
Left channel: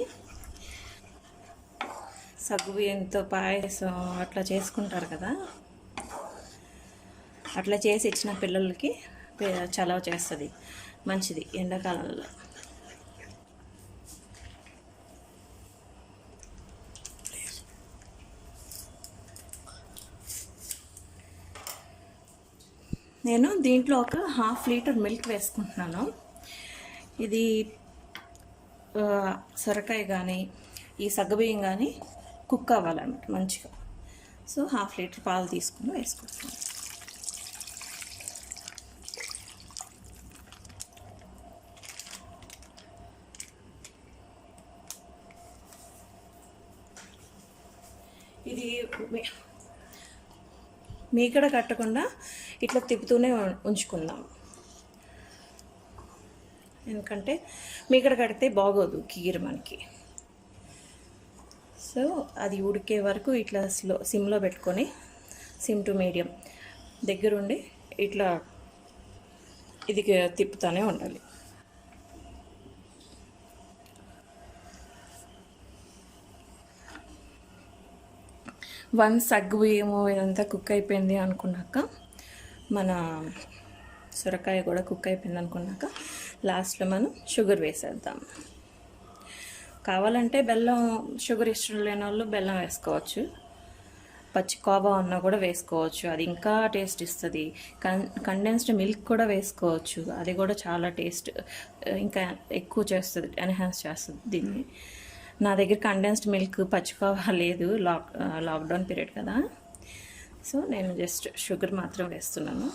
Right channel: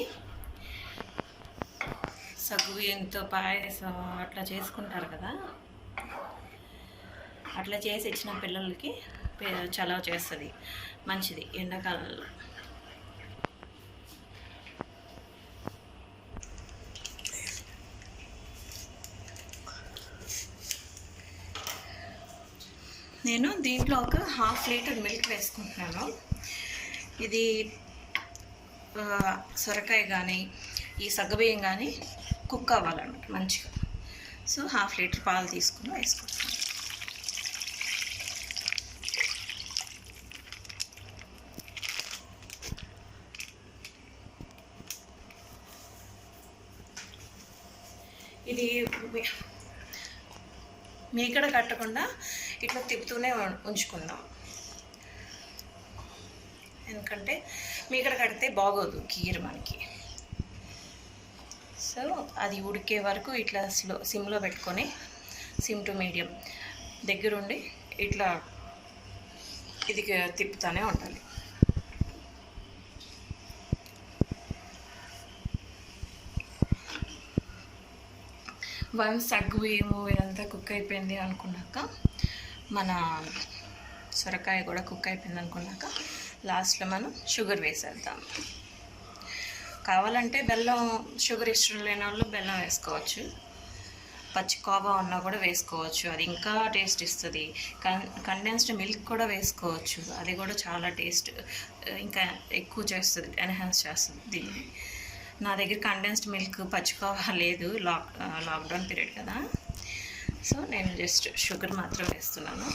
సగ్గుబియ్యంతో పాయసం అట్లా చేసుకుంటారు కదా, అట్లా చేసి ఇచ్చిన పిల్లలకి చలవ చేస్తుంది, మంచిది ఎండాకాలంలో. నేను దీంట్లో ఒక 1/2 లీటర్ మిల్క్ వేసుకుంటున్నాను. ఇది సొరకాయ కానీ ఈ సగ్గుబియ్యం కానీ కుక్ అవ్వాలన్నమాట మంచిగా. సో 1/2 లీటర్ పాలు తీసుకుని వేసుకుంటాం. ఇది మీగడ కట్టకుండా ఇట్లా తిప్పుతూనే ఉంచుకుందాం, ఎందుకంటే మీగడ కడితే బాగోదు కీర్ మనకి. సో అది ఉడికే వరకు ఇట్లా సిమ్లో పెట్టుకొని, సిమ్ టు మీడియం దగ్గరుండి ఇట్లా ఇది తిప్పుతూనే ఉండాలి. వన్స్ సగ్గుబియ్యము ఇదంతా కుక్ అయిపోయింది అనుకున్నాక, మన సొరకాయ కూడా కుక్ అయిపోయింది అనుకున్నాక లాస్ట్లో మనం షుగర్ వేసేద్దాం. కావాలంటే బెల్లం, షుగర్ ఇష్టం లేని వాళ్ళు బెల్లం వేసుకోవచ్చు, పచ్చి కోవా ఉన్నా కూడా వేసుకోవచ్చు, అది ఇంకా టేస్ట్ ఇస్తుంది. కండెన్స్డ్ మిల్క్ కూడా వేసుకోవచ్చు, అది కూడా చాలా టేస్ట్ ఇంకా ఎక్కువ చేస్తుంది, ఎన్హాన్స్ చేస్తుంది దీన్ని. నా దగ్గర కండెన్స్డ్ మిల్క్ పచ్చికోవా లేదు, లాక్డౌన్ పీరియడ్ కదా, సో నేను జస్ట్ షుగర్ మాత్రం వేస్తున్నాను.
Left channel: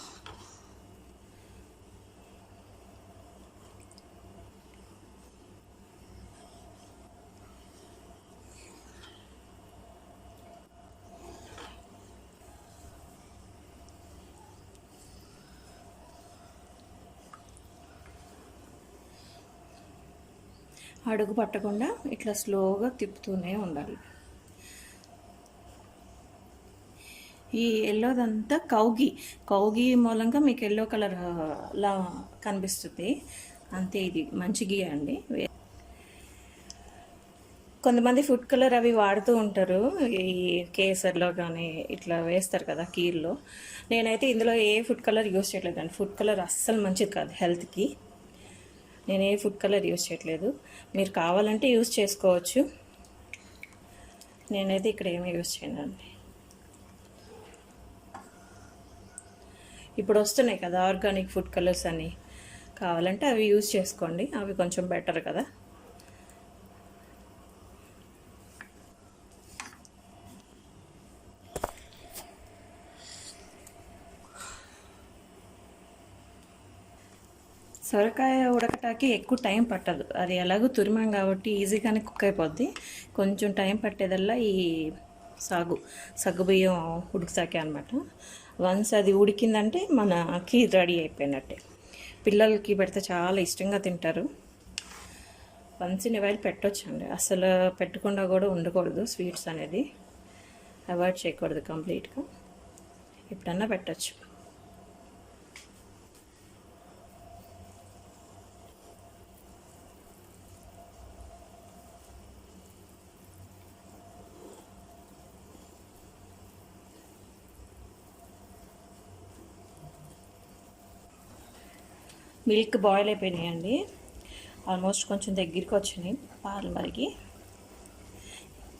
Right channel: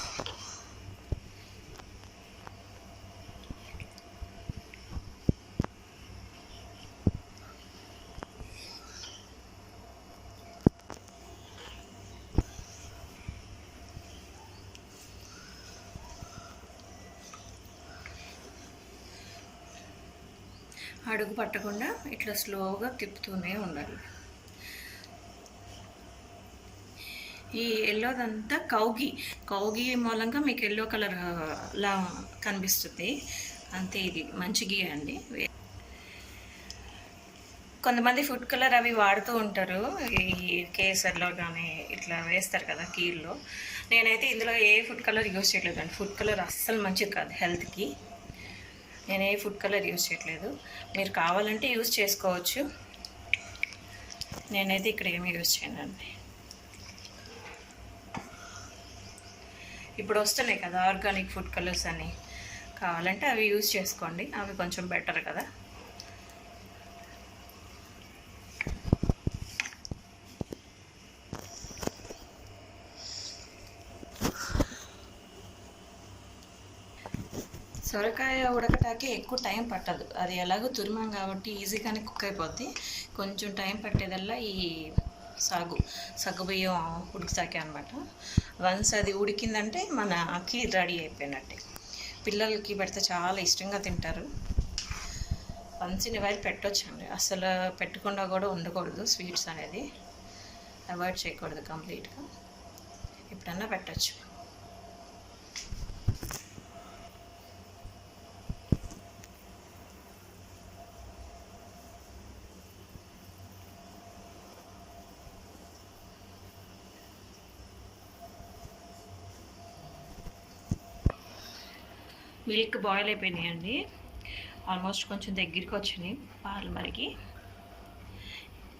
అడుగు పట్టకుండా ఇట్లా స్లోగా తిప్పుతూనే ఉండాలి. ఈ ఎల్లోదంతా కౌగి మూలంగా మీకు ఎల్లో కలర్ లా కనిపిస్తుంది అంతే. ఇది మంచి గీ అండి. కొంతమంది ఫుడ్ కలర్ అవి వాడుతూ ఉంటారు, ఈ కేసర్లో కానీ ఇట్లా వేస్తారు కదా కీర్లో. నేనైతే ఇందులో ఏ ఫుడ్ కలర్ యూజ్ చేయట్లేదు అండి. ఫుడ్ కలర్ అస్సలు మంచిది కాదు హెల్త్కి. నేను ఏ ఫుడ్ కలర్ యూజ్ చేయట్లేదు, మీరు కావాలంటే యూజ్ చేసుకోవచ్చు, నేనైతే ఇక్కడ ఏమీ యూజ్ చేయనండి. ఇప్పుడు వస్తున్నాయి కదా ఆర్గానిక్ ఫుడ్ కలర్స్ అని, కావాలంటే అవి యూజ్ చేసుకోండి, అవి కొంచెం బెటర్ కదా. సొరకాయ ఉడకటానికి ఎక్కువ టైం పట్టదు, అది ఎలాగో తురిమాం కాబట్టి ఈజీగానే కుక్ అయిపోద్ది. కొంచెం టైం పట్టేదల్లా ఈ సగ్గుబియ్యం ఉడుకుతాకే అనమాట. వన్స్ అది ఉడికిందంటే మన కీర్ రెడీ అయిపోయినట్టే. పిల్లలకి పెడితే చాలా ఇష్టంగా తింటారు. వన్స్ ఇన్ వైల్ పెట్టొచ్చండి, అసలు పెట్టకుండా కూడా ఉండకూడదు. స్వీట్స్ అనేది అవాయిడ్ చేయకూడదు కంప్లీట్గా, ఎప్పుడన్నా పెట్టచ్చు. మిల్క్ బాయిల్ అయిపోయినాయండి, ఆల్మోస్ట్ కొంచెం దగ్గరికి వచ్చినాయి పాలు మరిగి.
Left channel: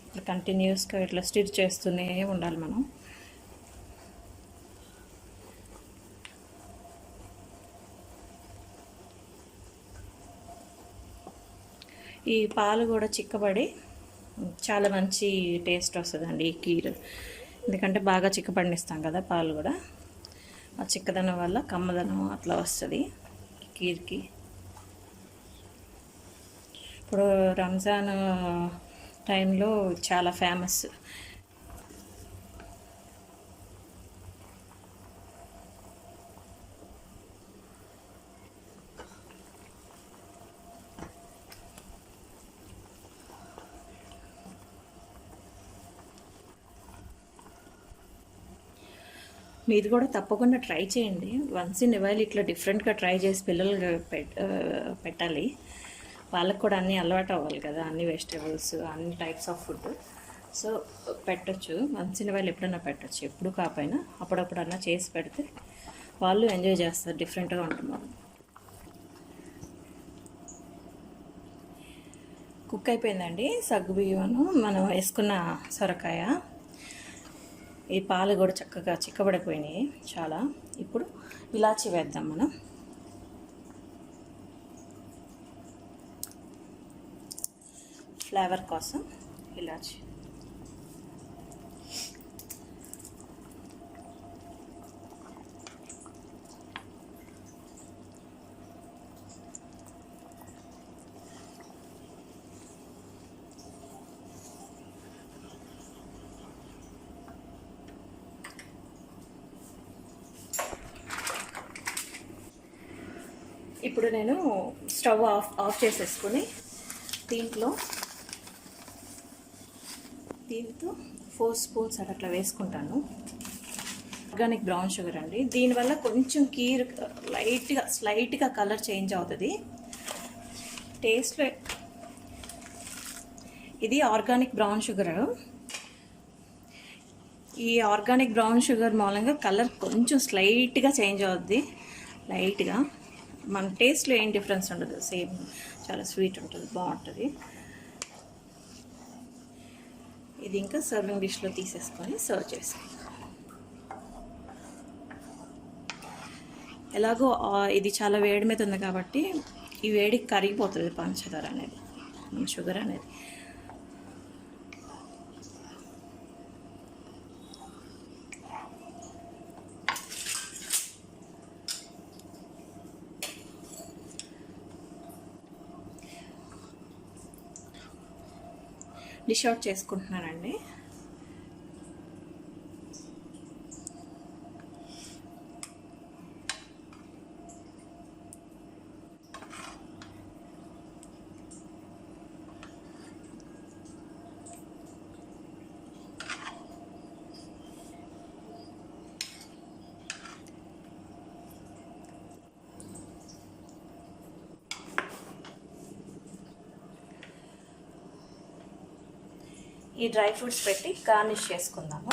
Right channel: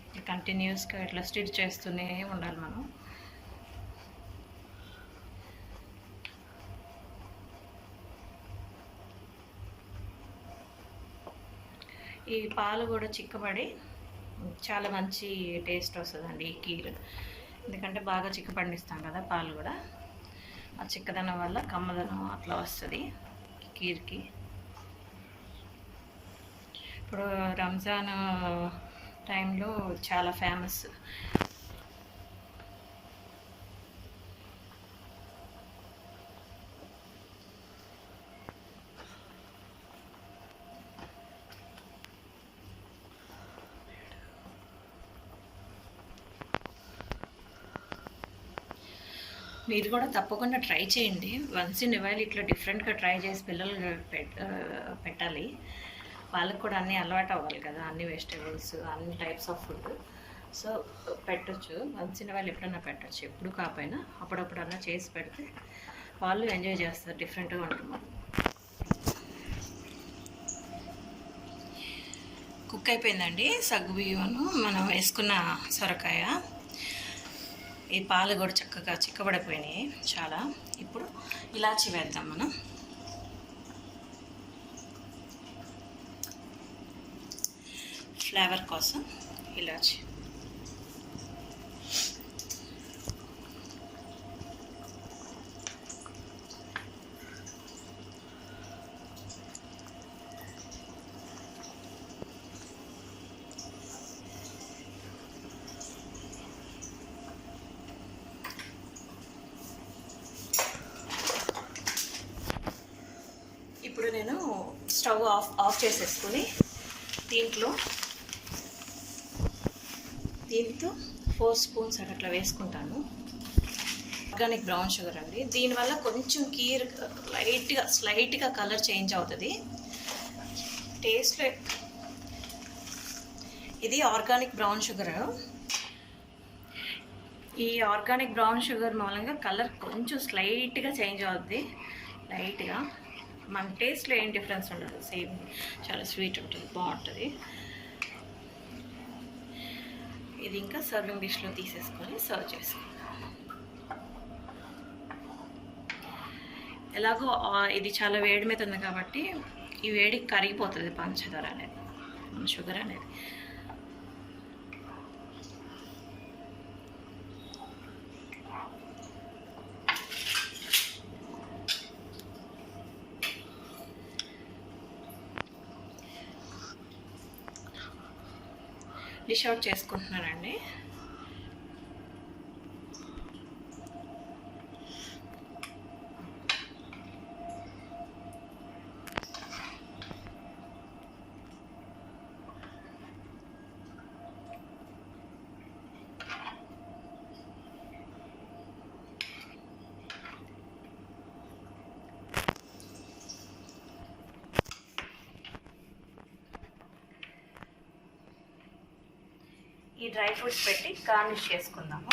ఇట్లా కంటిన్యూస్గా ఇట్లా స్టిర్ చేస్తూనే ఉండాలి మనం. ఈ పాలు కూడా చిక్కబడి చాలా మంచి టేస్ట్ వస్తుందండి ఈ కీర్, ఎందుకంటే బాగా చిక్కబడినిస్తాం కదా పాలు కూడా. ఆ చిక్కదనం వల్ల కమ్మదనం అట్లా వస్తుంది కీర్కి. ఇప్పుడు రంజాన్ టైంలో చాలా ఫేమస్. మీరు కూడా తప్పకుండా ట్రై చేయండి. వన్స్ ఇన్ వైల్ ఇట్లా డిఫరెంట్గా ట్రై చేసి పిల్లలు పెట్టాలి, వాళ్ళకు కూడా అన్నీ అలవాటు అవ్వాలి కదా, అన్ని వెజిటేబుల్స్, అన్ని టైప్స్ ఆఫ్ ఫుడ్. సో పెట్టచ్చు, వన్స్ ఇన్ వైల్ ఎప్పుడన్నా పెట్టచ్చు, ఎప్పుడు కాకపోయినా అప్పుడప్పుడన్నా చేసి పెడితే వాళ్ళు ఎంజాయ్ చేస్తారు, డిఫరెంట్గా ఉంటుంది. కుక్ అయిపోయిందండి సగ్గుబియ్యను, మనం వేసుకున్న సొరకాయ. ఈ పాలు కూడా చక్కగా చిక్కబడిపోయినాయి చాలా. ఇప్పుడు ఇలాచి వేద్దాం మనం. ఫ్లేవర్ కోసం ఇలాచి. ఇప్పుడు నేను స్టవ్ ఆఫ్ చేసేసుకుని దీంతో 4 స్పూన్స్ అట్లా వేసుకుంటాను. ఆర్గానిక్ బ్రౌన్ షుగర్ అండి. దీనివల్ల కొంచెం కీర్ స్లైట్గా కలర్ చేంజ్ అవుతుంది. టేస్ట్లో ఇది ఆర్గానిక్ బ్రౌన్ షుగర్. ఈ ఆర్గానిక్ బ్రౌన్ షుగర్ మూలంగా కలర్ కొంచెం స్లైట్గా చేంజ్ అవుతుంది, లైట్గా. మన టేస్ట్లో ఏం డిఫరెన్స్ ఉండదు, సేమ్ చాలా స్వీట్ ఉంటుంది, బాగుంటుంది. ఇది ఇంకా సర్వింగ్ డిష్లో తీసేసుకొని సర్వ్ చేసుకుందాం. ఎలాగో ఇది చాలా వేడి మీద ఉంది కాబట్టి ఈ వేడికి కరిగిపోతుంది పంచదార అనేది, షుగర్ అనేది. డిష్ అవుట్ చేసుకుంటున్నానండి. ఈ డ్రై ఫ్రూట్స్ పెట్టి గార్నిష్ చేసుకుందాము.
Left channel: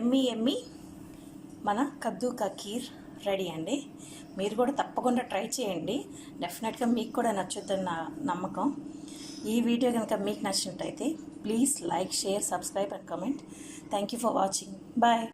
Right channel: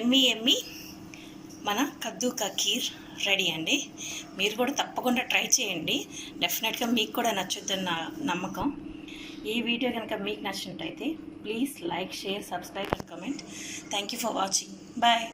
ఎమ్మి మన కద్దు కా ఖీర్ రెడీ అండి. మీరు కూడా తప్పకుండా ట్రై చేయండి, డెఫినెట్గా మీకు కూడా నచ్చుద్దని నా నమ్మకం. ఈ వీడియో కనుక మీకు నచ్చినట్టయితే please like, share, subscribe and comment. Thank you for watching. Bye.